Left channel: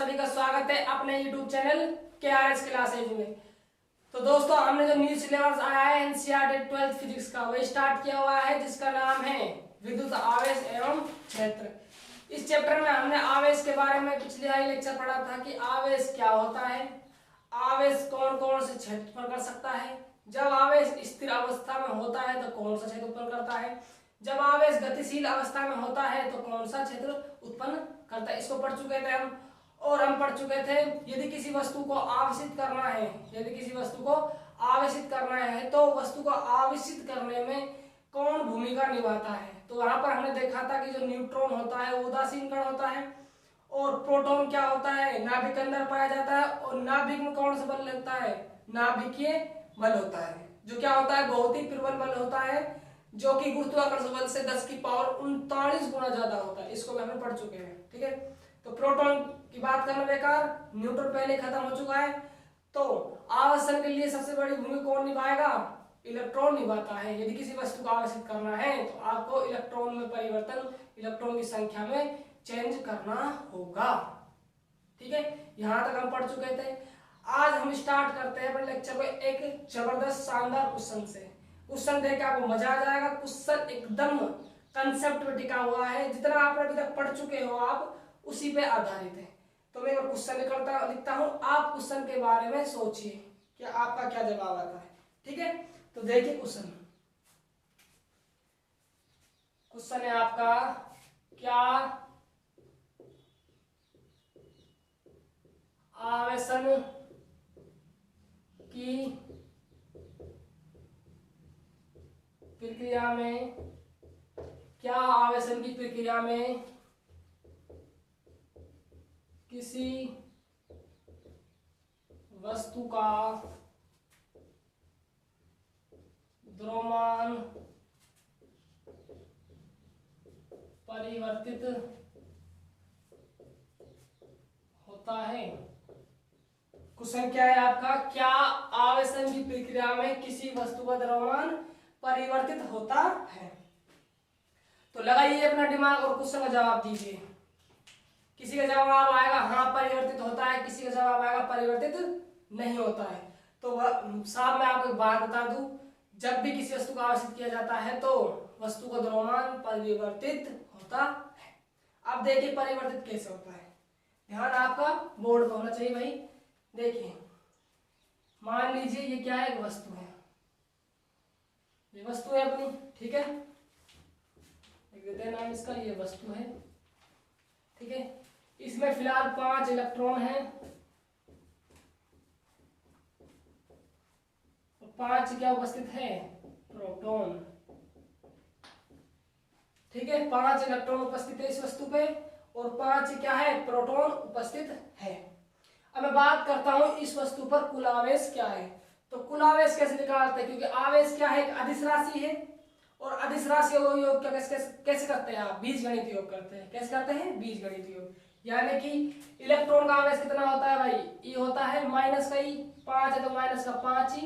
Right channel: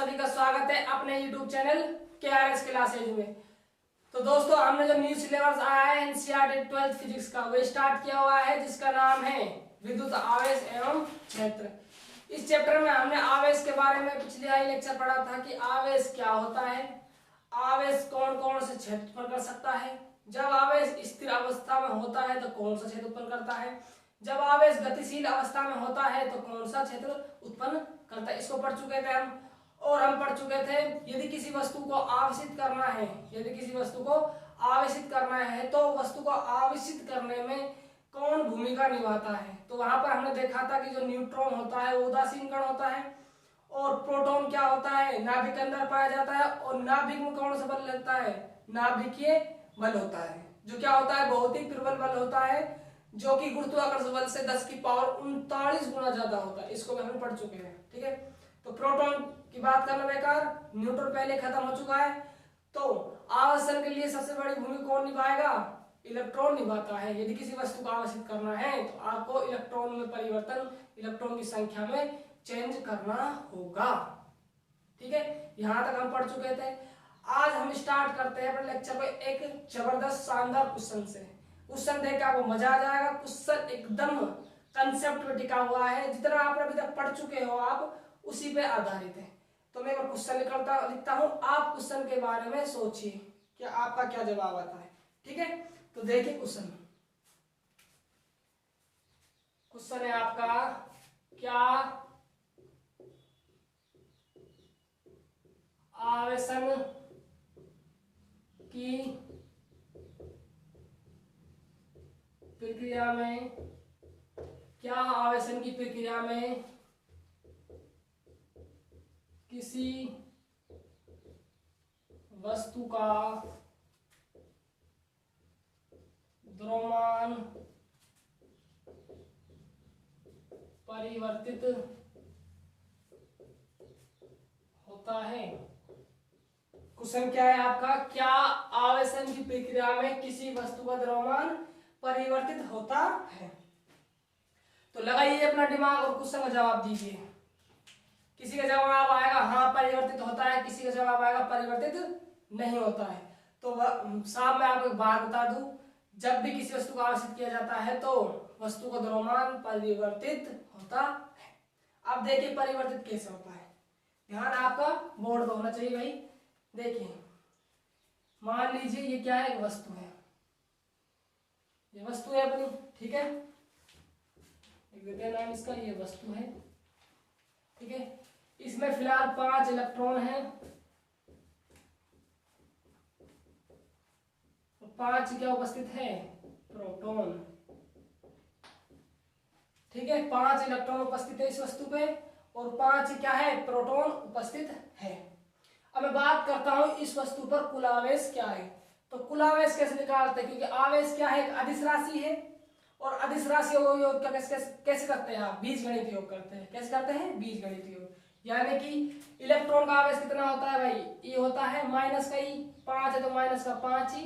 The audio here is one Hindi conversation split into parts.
सभी का स्वागत है अपने YouTube चैनल KRS क्लासेज में। तो दोस्तों, हमने जो न्यू सिलेबस आया है एनसीईआरटी 12th फिजिक्स का, वो स्टार्ट किया हुआ है, जिसका नाम है विद्युत आवेश एवं क्षेत्र। इस चैप्टर में हमने आवेश के बारे में पिछले ही लेक्चर पढ़ा था कि आवेश क्या होता है, आवेश कौन कौन से क्षेत्र उत्पन्न कर सकता है, जब आवेश स्थिर अवस्था में होता है तो कौन सा क्षेत्र उत्पन्न करता है, जब आवेश गतिशील अवस्था में होता है तो कौन सा क्षेत्र उत्पन्न करता है। इसको पढ़ चुके थे हम। और हम पढ़ चुके थे यदि किसी वस्तु को आवेशित करना है, यदि किसी वस्तु को आवेशित करना है तो वस्तु को आवेशित करने में कौन भूमिका निभाता है। तो वहां पर हमने देखा था कि जो न्यूट्रॉन होता है वो उदासीन कण होता है, और प्रोटॉन क्या होता है, नाभिक के अंदर पाया जाता है, और नाभिक में कौन सा बल लगता है, नाभिकीय बल होता है, जो क्या होता है, बहुत ही प्रबल बल होता है, जो कि गुरुत्वाकर्षण बल से 10 की पावर 39 गुना ज्यादा होता है। इसको भी हमने पढ़ चुके हैं। ठीक है, तो प्रोटॉन की बात करना बेकार, न्यूट्रॉन पहले खत्म हो चुका है। तो आवेशन के लिए सबसे बड़ी भूमिका कौन निभाएगा, इलेक्ट्रॉन निभाता है। यदि किसी वस्तु को आवेशित करना है तो आपको इलेक्ट्रॉन में परिवर्तन, इलेक्ट्रॉन की संख्या में चेंज करना होगा। ठीक है, यहां तक हम पढ़ चुके थे। आज हम स्टार्ट करते हैं अपने लेक्चर को एक जबरदस्त शानदार क्वेश्चन से। क्वेश्चन देख के आपको मजा आ जाएगा। क्वेश्चन एकदम कंसेप्ट पे टिका हुआ है, जितना आप अभी तक पढ़ चुके हो आप उसी पे आधारित है। तो मैं क्वेश्चन लिखता हूं, आप क्वेश्चन के बारे में सोचिए कि आपका क्या जवाब आता है। ठीक है, तो देखिए क्वेश्चन। क्वेश्चन है आपका, क्या आवेशन की प्रक्रिया में, क्या आवेशन की प्रक्रिया में किसी वस्तु का द्रव्यमान परिवर्तित होता है। क्वेश्चन क्या है आपका, क्या आवेशन की प्रक्रिया में किसी वस्तु का द्रव्यमान परिवर्तित होता है। तो लगाइए अपना दिमाग और क्वेश्चन का जवाब दीजिए। किसी का जवाब आएगा हाँ परिवर्तित होता है, किसी का जवाब आएगा परिवर्तित नहीं होता है। तो साहब मैं आपको एक बात बता दूं, जब भी किसी वस्तु को आवेशित किया जाता है तो वस्तु का द्रव्यमान परिवर्तित होता है। अब देखिए परिवर्तित कैसे होता है, ध्यान आपका बोर्ड पर होना चाहिए भाई। देखिए मान लीजिए ये क्या है, एक वस्तु है, ये वस्तु है अपनी। ठीक है, नाम इसका ये वस्तु है। ठीक है, इसमें फिलहाल 5 इलेक्ट्रॉन हैं और 5 क्या उपस्थित है, प्रोटॉन। ठीक है, 5 इलेक्ट्रॉन उपस्थित है इस वस्तु पे और 5 क्या है, प्रोटॉन उपस्थित है। अब मैं बात करता हूं इस वस्तु पर कुल आवेश क्या है। तो कुल आवेश कैसे निकालते हैं, क्योंकि आवेश क्या है, एक अदिश राशि है, और अदिश राशि योग का कैसे करते हैं आप, बीजगणित योग करते हैं। कैसे करते हैं, बीजगणित योग। यानी कि इलेक्ट्रॉन का आवेश कितना होता है भाई, ये होता है माइनस का ई, 5 है तो माइनस का 5 ही।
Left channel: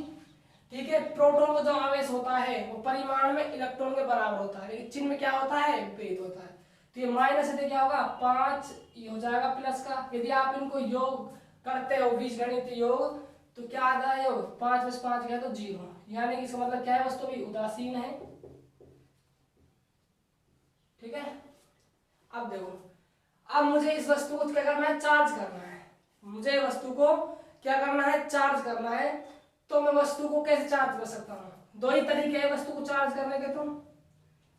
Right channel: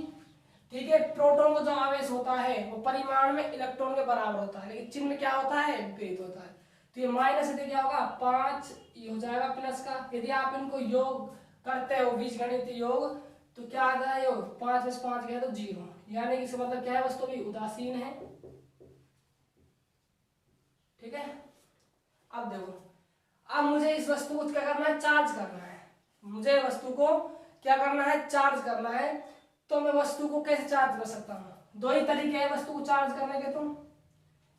ठीक है, प्रोटॉन का जो आवेश होता है वो परिमाण में इलेक्ट्रॉन के बराबर होता है, लेकिन चिन्ह में क्या होता है, विपरीत होता है। तो ये माइनस है तो क्या होगा 5, ये हो जाएगा प्लस का। यदि आप इनको योग करते हो बीजगणित योग तो क्या आ जाए योग, 5 + 5 गया तो 0। यानी कि इसका मतलब क्या है, वस्तु भी उदासीन है। ठीक है, अब देखो, अब मुझे इस वस्तु को क्या करना है, चार्ज करना है। मुझे वस्तु को क्या करना है, चार्ज करना है। तो मैं वस्तु को कैसे चार्ज कर सकता हूँ, 2 ही तरीके हैं वस्तु को चार्ज करने के। तो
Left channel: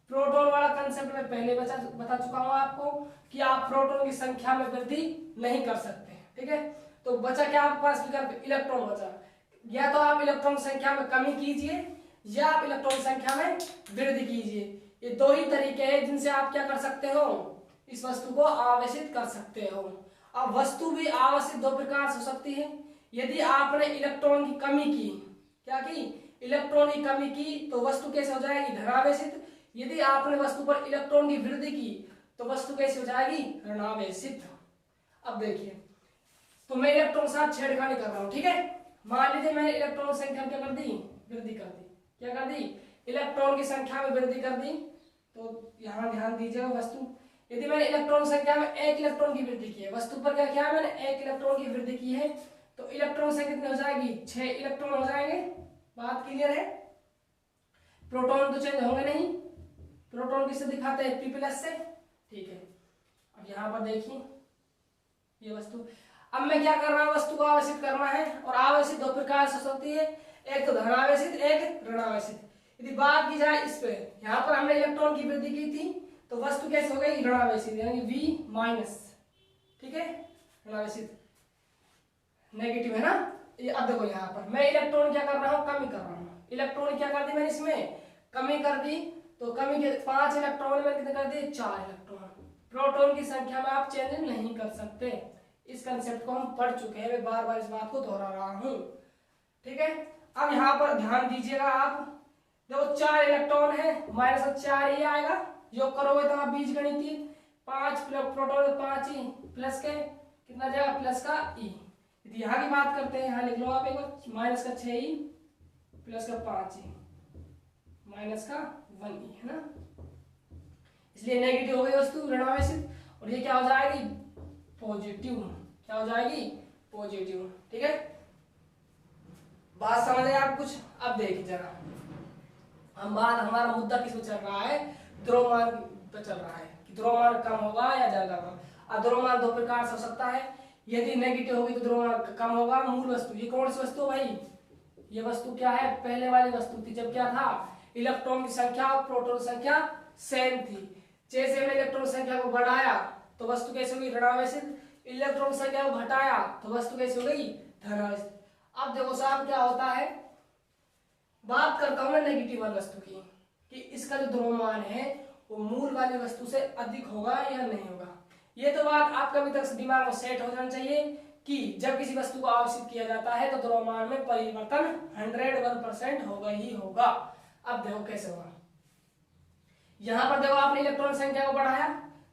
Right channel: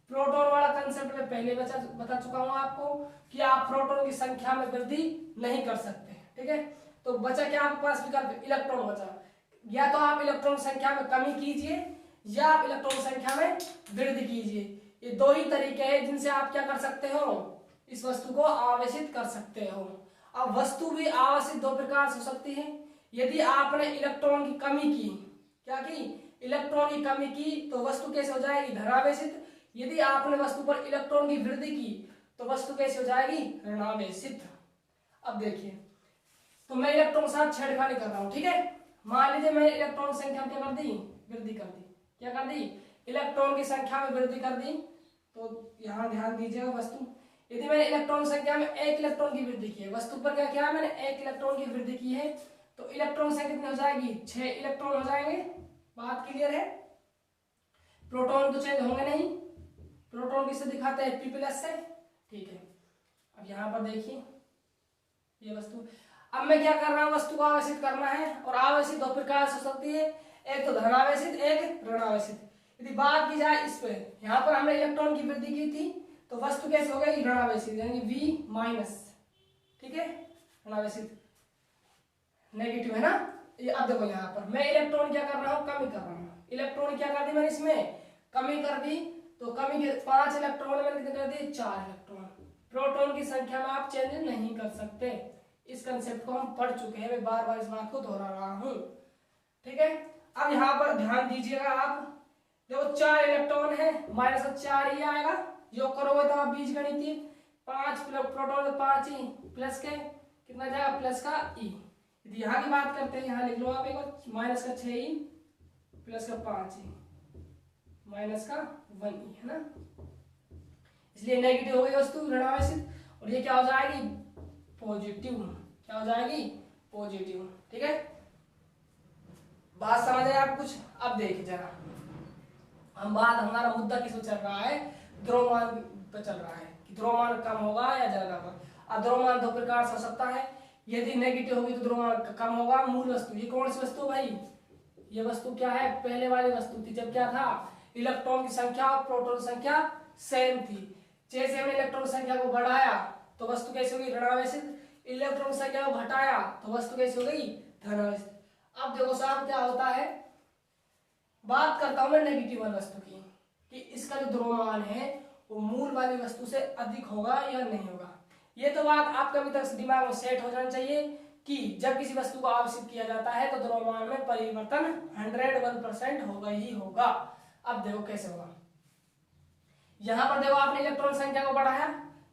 प्रोटॉन वाला कंसेप्ट में पहले बता चुका हूं आपको कि आप प्रोटॉन की संख्या में वृद्धि नहीं कर सकते। ठीक है, तो बचा क्या आपके पास विकल्प, इलेक्ट्रॉन बचा। या तो आप इलेक्ट्रॉन संख्या में कमी कीजिए या आप इलेक्ट्रॉन संख्या में वृद्धि कीजिए। ये 2 ही तरीके हैं जिनसे आप क्या कर सकते हो, इस वस्तु को आवेशित कर सकते हो। अब वस्तु भी आवेशित 2 प्रकार से हो सकती है। यदि आपने इलेक्ट्रॉन की कमी की, क्या की, इलेक्ट्रॉन की कमी की, तो वस्तु कैसे हो जाएगी, धनावेशित। यदि आपने वस्तु पर इलेक्ट्रॉन की वृद्धि की तो वस्तु कैसे हो जाएगी, ऋणावेशित। अब देखिए, तो मैं इलेक्ट्रॉन के साथ छेड़खानी कर रहा हूं। ठीक है, मान लीजिए मैंने इलेक्ट्रॉन की संख्या में क्या कर दी, वृद्धि कर दी। क्या कर दी, इलेक्ट्रॉन की संख्या में वृद्धि कर दी। तो यहां ध्यान दीजिएगा, वस्तु यदि मैंने इलेक्ट्रॉन संख्या में एक इलेक्ट्रॉन की वृद्धि की है, वस्तु पर क्या किया मैंने, एक इलेक्ट्रॉन की वृद्धि की है, तो इलेक्ट्रॉन संख्या कितनी हो जाएगी, 6 इलेक्ट्रॉन हो जाएंगे। बात क्लियर है। प्रोटॉन तो चेंज होंगे नहीं, प्रोटॉन किससे दिखाते हैं, P+ से। ठीक है, अब यहाँ पर देखिए ये वस्तु, अब मैं क्या कर रहा हूँ, वस्तु को आवेशित करना है, और आवेशित दो प्रकार से हो सकती है, एक तो धनावेशित, एक ऋणावेशित। यदि बात की जाए इस पे, यहाँ पर हमने इलेक्ट्रॉन की वृद्धि की थी, तो वस्तु कैसे हो गई, ऋणावेशित, यानी V-। ठीक है, ऋणावेशित, नेगेटिव है ना। ये अब देखो यहाँ पर मैं इलेक्ट्रॉन क्या कर रहा हूँ, कमी कर रहा हूँ। इलेक्ट्रॉन क्या कर दी मैंने, इसमें कमी कर दी, तो कमी के 5 इलेक्ट्रॉन मैंने कितने कर दिए, 4 इलेक्ट्रॉन। प्रोटॉन की संख्या में आप चेंज नहीं कर सकते, इस कंसेप्ट को हम पढ़ चुके हैं, मैं बार बार इस बात को दोहरा रहा हूँ। ठीक है, अब यहाँ पर ध्यान दीजिएगा आप, देखो 4 इलेक्ट्रॉन है, -4 ही आएगा, जो करोगे तब आप बीजगणितीय, 5 प्रोटॉन 5 ही, प्लस के कितना जाएगा, प्लस का ई। यदि यहाँ की बात करते हैं, यहाँ लिख लो आप एक बार, -6 ई प्लस का 5 ई माइनस का 1 ई, है ना। इसलिए नेगेटिव हो गई वस्तु, ऋणावेशित, और ये क्या हो जाएगी, पॉजिटिव। क्या हो जाएगी, पॉजिटिव। ठीक है, बात समझ आए आप कुछ। अब देखिए जरा, हम बात, हमारा मुद्दा किस पे चल रहा है, द्रव्यमान पे चल रहा है, कि द्रव्यमान कम होगा या ज्यादा होगा। अब द्रव्यमान दो प्रकार से हो सकता है, यदि नेगेटिव होगी तो द्रव्यमान कम होगा। मूल वस्तु, ये कौन सी वस्तु भाई, ये वस्तु क्या है, पहले वाली वस्तु थी, जब क्या था, इलेक्ट्रॉन की संख्या और प्रोटॉन संख्या सेम थी। जैसे हमने इलेक्ट्रॉन संख्या को बढ़ाया तो वस्तु कैसे हुई, ऋणावेशित, इलेक्ट्रॉन संख्या को घटाया तो वस्तु कैसे हो गई, धनावेशित। अब देखो साहब क्या होता है, बात करता हूं मैं नेगेटिव वाली वस्तु की, कि इसका जो द्रव्यमान है वो मूल वाली वस्तु से अधिक होगा या नहीं होगा। ये तो बात आपका अभी तक दिमाग में सेट हो जाना चाहिए, कि जब किसी वस्तु को आवेशित किया जाता है तो द्रव्यमान में परिवर्तन 101% होगा ही होगा। अब देखो कैसे होगा, यहां पर देखो आपने इलेक्ट्रॉन संख्या को बढ़ाया,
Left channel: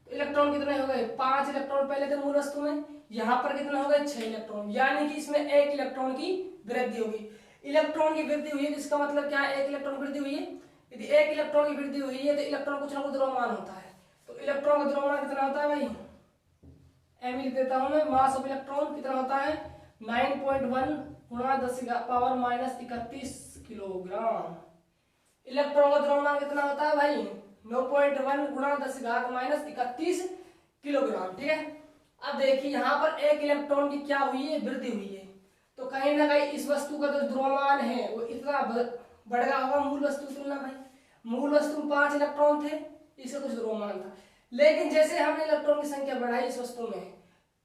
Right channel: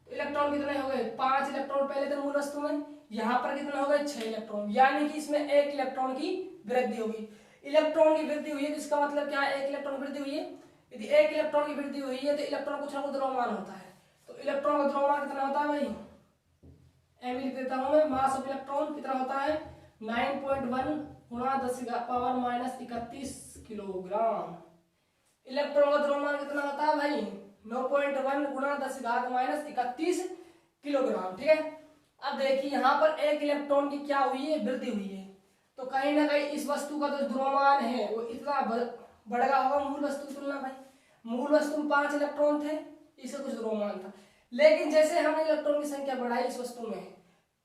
तो इलेक्ट्रॉन कितने हो गए, 5 इलेक्ट्रॉन पहले थे मूल वस्तु में, यहाँ पर कितने हो गए, 6 इलेक्ट्रॉन, यानी कि इसमें 1 इलेक्ट्रॉन की वृद्धि होगी। इलेक्ट्रॉन की वृद्धि हुई है, इसका मतलब क्या है, 1 इलेक्ट्रॉन वृद्धि हुई है। यदि 1 इलेक्ट्रॉन की वृद्धि हुई है तो इलेक्ट्रॉन कुछ ना कुछ द्रव्यमान होता है, तो इलेक्ट्रॉन का द्रव्यमान कितना होता है भाई, एम लिख देता हूं मैं, मास ऑफ इलेक्ट्रॉन कितना होता है, 9.1 गुणा 10⁻31 किलोग्राम। इलेक्ट्रॉन का द्रव्यमान कितना होता है भाई, 9.1 गुणा 10⁻31 किलोग्राम। ठीक है, अब देखिए यहाँ पर 1 इलेक्ट्रॉन की क्या हुई है, वृद्धि हुई है, तो कहीं ना कहीं इस वस्तु का जो द्रव्यमान है वो इतना बढ़ गया होगा मूल वस्तु की तुलना में। मूल वस्तु में 5 इलेक्ट्रॉन थे, इसका कुछ द्रव्यमान था, लेकिन जैसे हमने इलेक्ट्रॉन की संख्या बढ़ाई इस वस्तु में,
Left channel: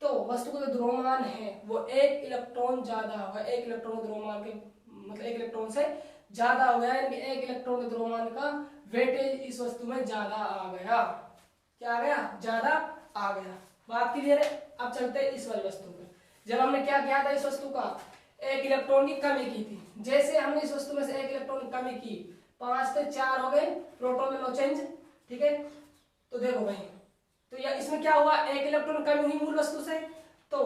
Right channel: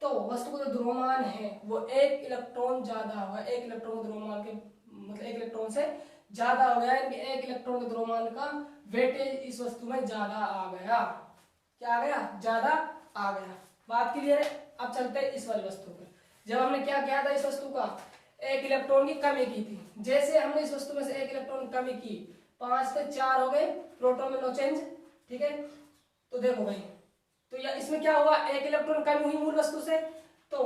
तो वस्तु का जो द्रव्यमान है वो 1 इलेक्ट्रॉन ज्यादा होगा, 1 इलेक्ट्रॉन द्रव्यमान के मतलब 1 इलेक्ट्रॉन से ज्यादा हो गया, यानी 1 इलेक्ट्रॉन के द्रव्यमान का वेटेज इस वस्तु में ज्यादा आ गया। क्या आ गया, ज्यादा आ गया। बात क्लियर है। अब चलते हैं इस वाली वस्तु पर, जब हमने क्या किया था, इस वस्तु का 1 इलेक्ट्रॉन की कमी की थी, जैसे हमने इस वस्तु में से 1 इलेक्ट्रॉन की कमी की, 5 से 4 हो गए, प्रोटॉन में नो चेंज। ठीक है, तो देखो भाई, तो या इसमें क्या हुआ, 1 इलेक्ट्रॉन कमी हुई मूल वस्तु से, तो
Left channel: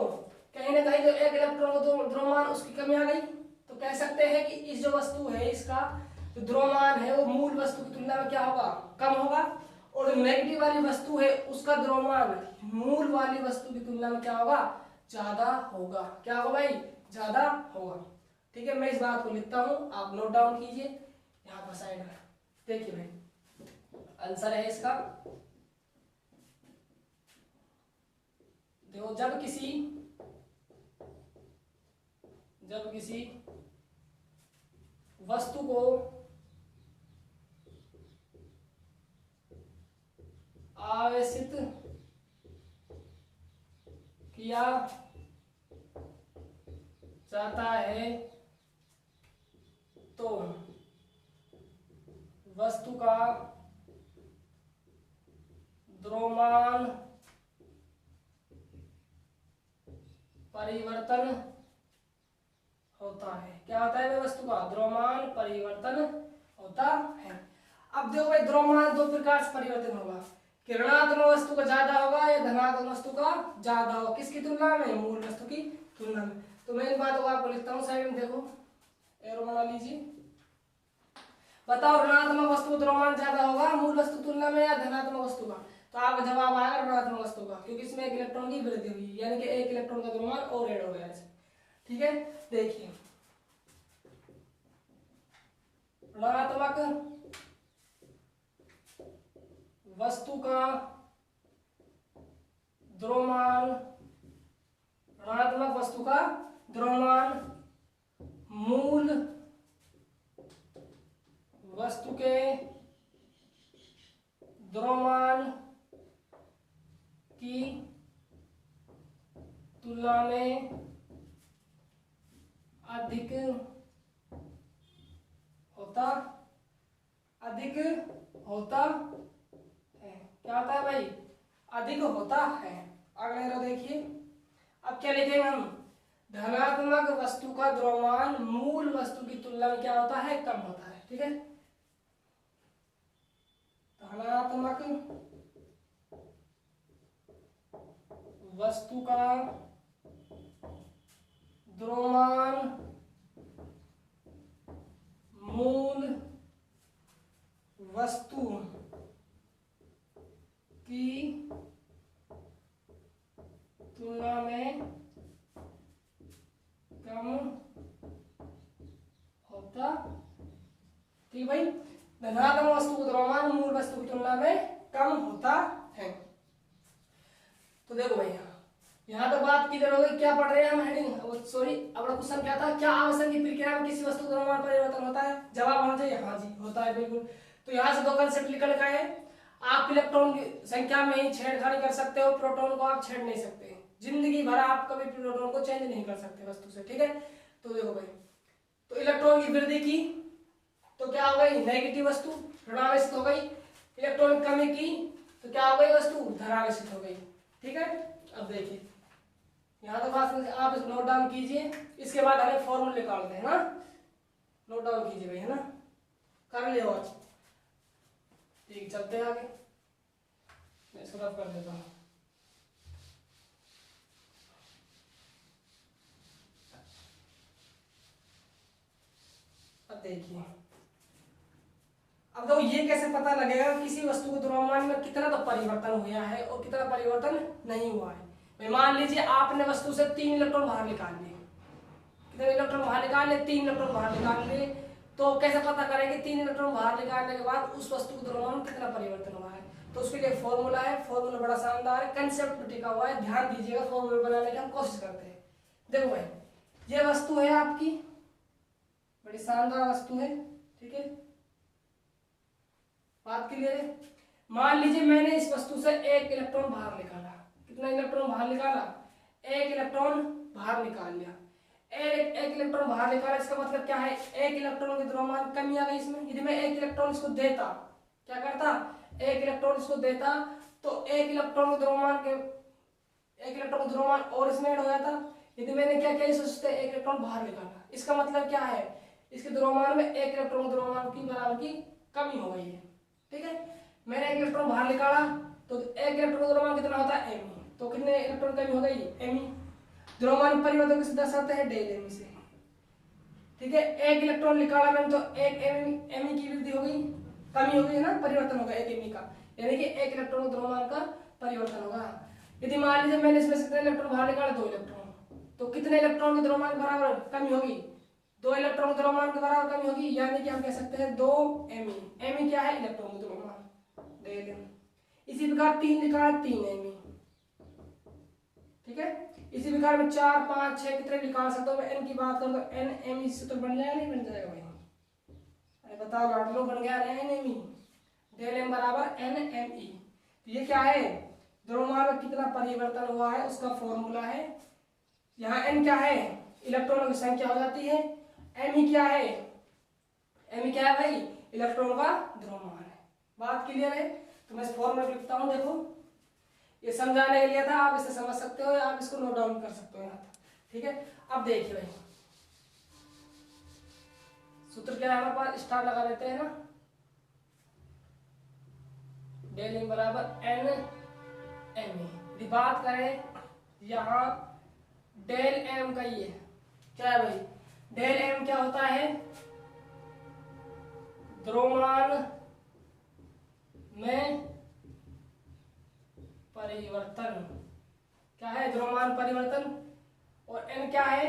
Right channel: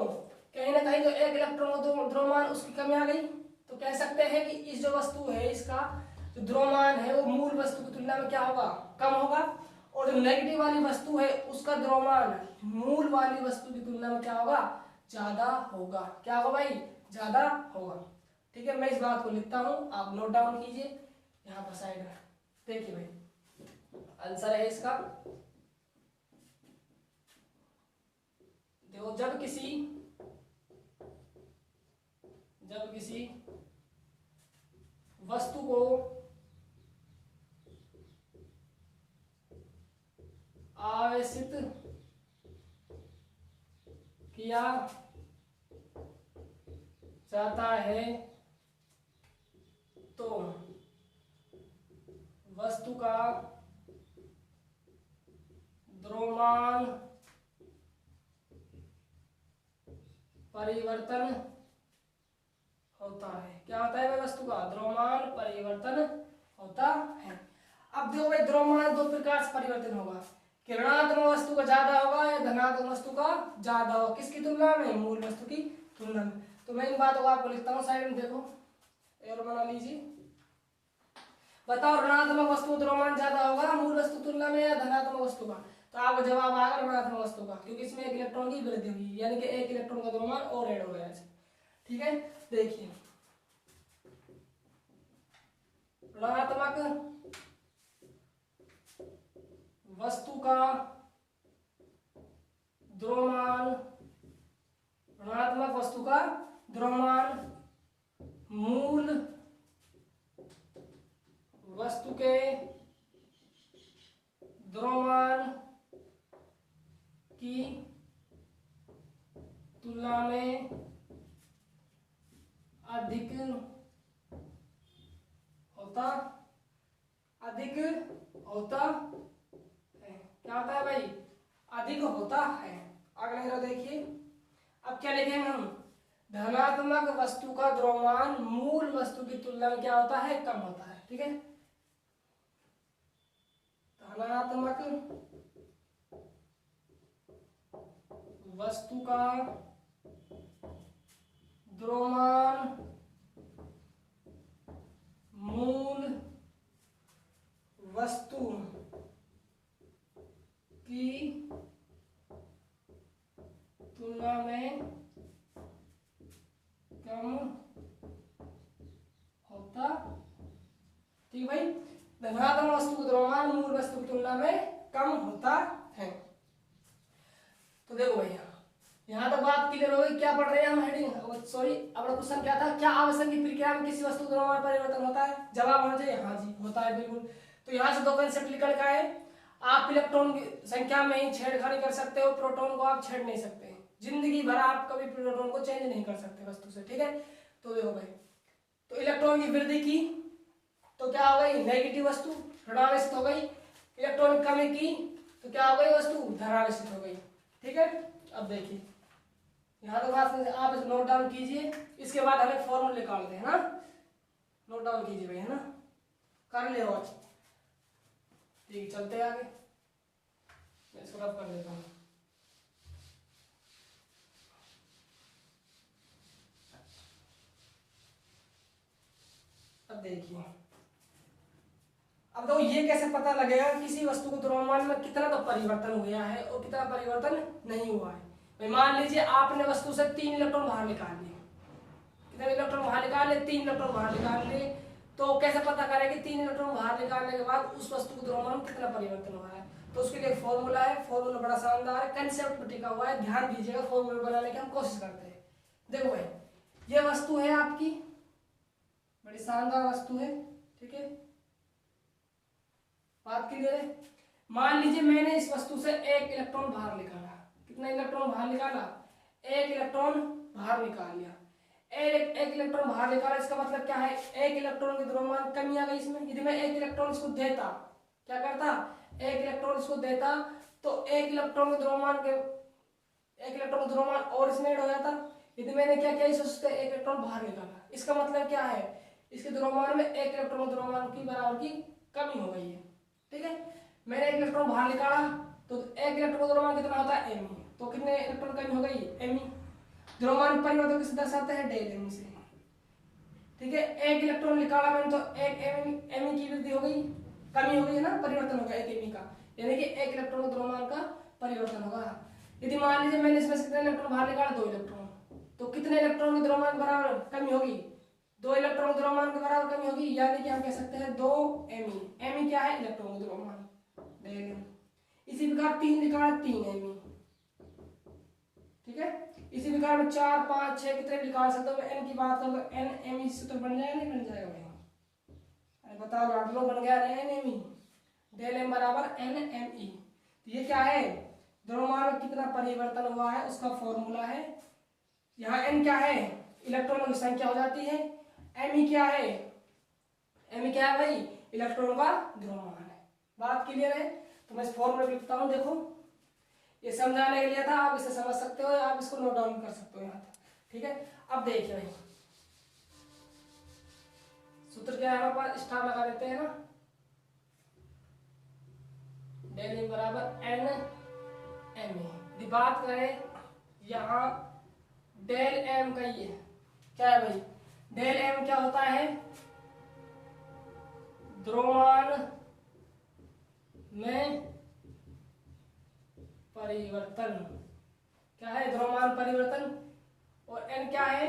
कहीं ना कहीं तो 1 इलेक्ट्रॉन को द्रव्यमान उसकी कमी आ गई, तो कह सकते हैं कि इस जो वस्तु है इसका जो द्रव्यमान है वो मूल वस्तु की तुलना में क्या होगा, कम होगा, और जो नेगेटिव वाली वस्तु है उसका द्रव्यमान मूल वाली वस्तु की तुलना में क्या होगा, ज्यादा होगा। क्या होगा भाई, ज्यादा होगा। ठीक है, मैं इस बात को लिखता हूं, आप नोट डाउन कीजिए यहाँ पर साइड में। देखिए भाई, आंसर है इसका, देखो जब किसी वस्तु को आवेशित किया जाता है तो वस्तु का द्रव्यमान परिवर्तन होता है। क्या होता है, वस्तु का द्रव्यमान परिवर्तन होता है। अब देखो भाई, द्रव्यमान दो प्रकार से परिवर्तन होगा, कि ऋणात्मक वस्तु का ज्यादा होगा या धनात्मक वस्तु का ज्यादा होगा, किसकी तुलना में, मूल वस्तु की तुलना में। तो मैं इन बातों को आपको लिखता हूँ साइड में, देखो एरो बना लीजिए। बताओ, ऋणात्मक वस्तु का द्रव्यमान ज्यादा होगा मूल वस्तु तुलना में या धनात्मक वस्तु का। तो आपका जवाब आएगा ऋणात्मक वस्तु का, क्योंकि इसमें एक इलेक्ट्रॉन की वृद्धि हुई, यानी कि एक इलेक्ट्रॉन का द्रव्यमान और ऐड हो गया है। ठीक है, देखिए ऋणात्मक वस्तु का द्रव्यमान, ऋणात्मक वस्तु का द्रव्यमान मूल वस्तु के द्रव्यमान की तुलना में अधिक होता है। क्या होता है भाई? अधिक होता है। अगले रो देखिए, अब क्या लिखेंगे हम? धनात्मक वस्तु का द्रव्यमान मूल वस्तु की तुलना में क्या होता है? कम होता है। ठीक है, धनात्मक वस्तु का द्रव्यमान मूल वस्तु की तुलना में कम होता। ठीक भाई, धनात्मक वस्तु का द्रव्यमान मूल वस्तु की तुलना में कम होता है। तो देखो भैया, यहाँ तक बात क्लियर हो गई। क्या पढ़ रहे हैं हम? हेडिंग सॉरी, अपना क्वेश्चन क्या था? क्या आवेशन की प्रक्रिया में किसी वस्तु का द्रव्यमान परिवर्तन होता है? जवाब होना चाहिए हाँ जी, होता है बिल्कुल। तो यहाँ से दो कंसेप्ट निकल का है। आप इलेक्ट्रॉन की संख्या में ही छेड़खानी कर सकते हो, प्रोटॉन को आप छेड़ नहीं सकते। जिंदगी भर आप कभी प्रोटॉन को चेंज नहीं कर सकते वस्तु से। ठीक है, तो देखो भाई, तो इलेक्ट्रॉन की वृद्धि की तो क्या हो गई? नेगेटिव वस्तु ऋणावेशित हो गई। इलेक्ट्रॉन की कमी की तो क्या हो गई? वस्तु धनावेशित हो गई। ठीक है, अब देखिए यहाँ तो बात आप नोट डाउन कीजिए, इसके बाद हमें फॉर्मूला निकालते हैं ना। नोट डाउन कीजिए भाई, है ना, कर ले आज। ठीक, चलते हैं आगे। मैं इसको रफ कर देता हूँ। अब देखिए, अब तो ये कैसे पता लगेगा किसी वस्तु को द्रव्यमान में कितना तो परिवर्तन हुआ है और कितना परिवर्तन नहीं हुआ है? भाई मान लीजिए आपने वस्तु से 3 इलेक्ट्रॉन बाहर निकाल लिए। कितने इलेक्ट्रॉन बाहर निकाल लिए? 3 इलेक्ट्रॉन बाहर निकाल लिए। तो कैसे पता करें कि 3 इलेक्ट्रॉन बाहर निकालने के बाद उस वस्तु के द्रव्यमान में कितना परिवर्तन हुआ है? तो उसके लिए फॉर्मूला है। फॉर्मूला बड़ा शानदार है, कंसेप्ट पर टिका हुआ है, ध्यान दीजिएगा। फॉर्मूला बनाने की हम कोशिश करते हैं। देखो भाई, ये वस्तु है आपकी, बड़ी शानदार वस्तु है। ठीक है, बात क्लियर है? मान लीजिए मैंने इस वस्तु से 1 इलेक्ट्रॉन बाहर निकाला। कितना इलेक्ट्रॉन बाहर निकाला? 1 इलेक्ट्रॉन बाहर निकाल लिया। एक इलेक्ट्रॉन बाहर निकाला, इसका मतलब क्या है? 1 इलेक्ट्रॉन की द्रव्यमान कमी आ गई इसमें। यदि मैं 1 इलेक्ट्रॉन इसको देता, क्या करता? 1 इलेक्ट्रॉन इसको देता तो 1 इलेक्ट्रॉन के द्रव्यमान और इसमें ऐड हो जाता। यदि मैंने क्या किया, इससे 1 इलेक्ट्रॉन बाहर निकाला, इसका मतलब क्या है? इसके द्रव्यमान में 1 इलेक्ट्रॉन के द्रव्यमान की बराबर की कमी हो गई है। ठीक है, मैंने 1 इलेक्ट्रॉन बाहर निकाला तो 1 इलेक्ट्रॉन का द्रव्यमान कितना होता है? एम। तो कितने इलेक्ट्रॉन कमी हो गई? एम। द्रव्यमान परिवर्तन किसे दर्शाते हैं? डेल एम से। ठीक है, 1 इलेक्ट्रॉन निकाला मैंने तो 1 एम की वृद्धि हो गई, कमी हो गई है ना, परिवर्तन होगा 1 एम का, यानी कि 1 इलेक्ट्रॉन द्रव्यमान का परिवर्तन होगा। यदि मान लीजिए मैंने इसमें से कितने इलेक्ट्रॉन बाहर निकाला? 2 इलेक्ट्रॉन, तो कितने इलेक्ट्रॉन के द्रव्यमान बराबर कमी होगी? 2 इलेक्ट्रॉन द्रव्यमान के बराबर कमी होगी, यानी कि हम कह सकते हैं 2 एम। एम क्या है? इलेक्ट्रॉन द्रव्यमान, डेल एम। इसी प्रकार 3 निकाला, 3 एम। ठीक है, इसी प्रकार में 4 5 6 कितने निकाल सकते हो? एन की बात करूं तो एन एम ई सूत्र बन जाएगा, नहीं बन जाएगा भाई? अरे बताओ, लौट लो, बन गया N M E. Del M बराबर एन एम ई। तो ये क्या है? द्रव्यमान में कितना परिवर्तन हुआ है उसका फॉर्मूला है। यहाँ एन क्या है? इलेक्ट्रॉनों की संख्या हो जाती है। एम ई क्या है? एम ई क्या है भाई? इलेक्ट्रॉन का द्रव्यमान है। बात क्लियर है? तो मैं इस फॉर्मूला लिखता हूँ। देखो, ये समझाने के लिए था, आप इसे समझ सकते हो या आप इसको नोट डाउन कर सकते हो यहाँ तक। ठीक है, अब देखिए भाई, सूत्र क्या है हमारे पास? स्टार लगा देते हैं ना। डेल एम बराबर एन एम ए। यदि बात करें यहाँ डेल एम का, ये क्या है भाई? डेल एम क्या होता है? द्रव्यमान में परिवर्तन, क्या है, द्रव्यमान परिवर्तन। और n क्या है,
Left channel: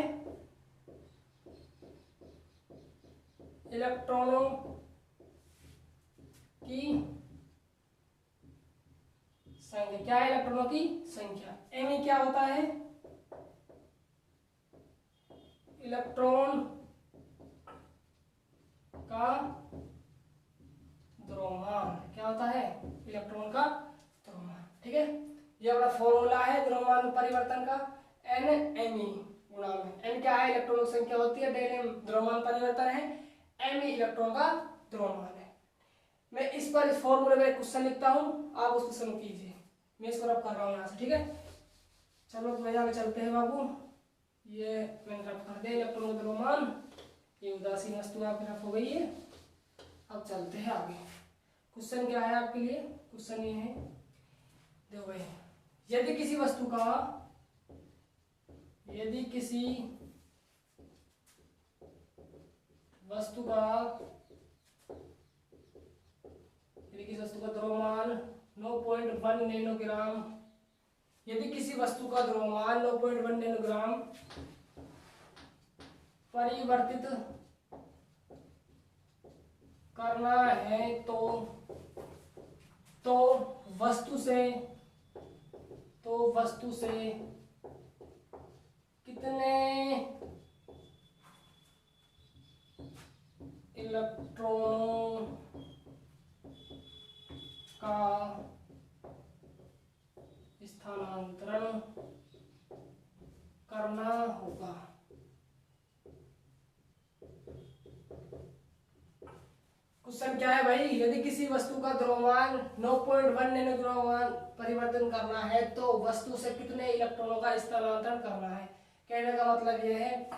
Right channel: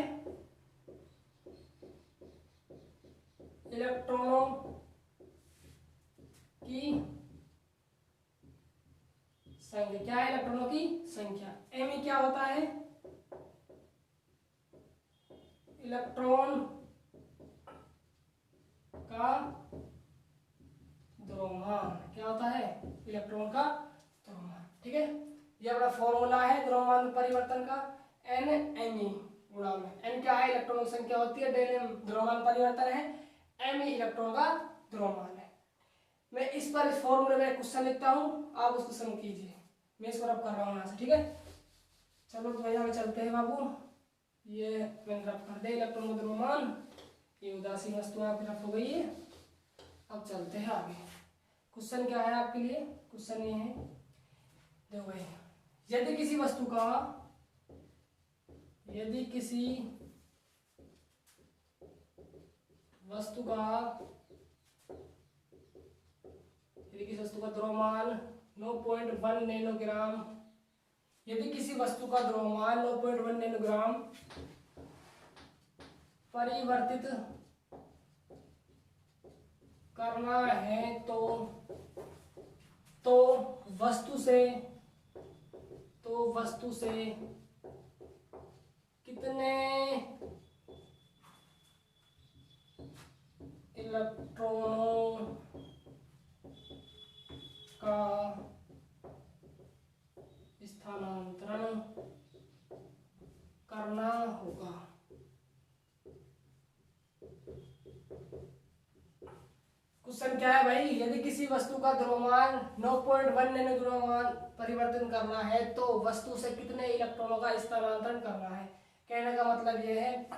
इलेक्ट्रॉनों की संख्या, क्या है, इलेक्ट्रॉनों की संख्या। m क्या होता है, इलेक्ट्रॉन का द्रव्यमान, क्या होता है, इलेक्ट्रॉन का द्रव्यमान। ठीक है, ये अपना फॉर्मूला है द्रव्यमान परिवर्तन का, n me गुणा में, n क्या है, इलेक्ट्रॉनों की संख्या होती है, डेल m द्रव्यमान परिवर्तन है, me इलेक्ट्रॉन का द्रव्यमान है। मैं इस पर इस फॉर्मूले में क्वेश्चन लिखता हूँ, आप उस क्वेश्चन कीजिए, मैं इसको रब कर रहा हूँ यहाँ से। ठीक है, चलो तो भैया चलते हैं बाबू, ये मैंने रब कर दिया इलेक्ट्रॉन का द्रव्यमान, ये उदासीन वस्तु आपकी रफ हो गई है। अब चलते हैं आगे, क्वेश्चन क्या है आपके लिए, क्वेश्चन ये है, देखो भाई, यदि किसी वस्तु का, यदि किसी वस्तु का द्रव्यमान 9.1 नैनोग्राम, यदि किसी वस्तु का द्रव्यमान 9.1 नैनोग्राम परिवर्तित करना है तो वस्तु से कितने इलेक्ट्रॉनों का स्थानांतरण करना होगा। क्वेश्चन क्या है भाई, यदि किसी वस्तु का द्रव्यमान 9.1 नैनोग्राम परिवर्तन करना है तो वस्तु से कितने इलेक्ट्रॉनों का स्थानांतरण करना है। कहने का मतलब यह है,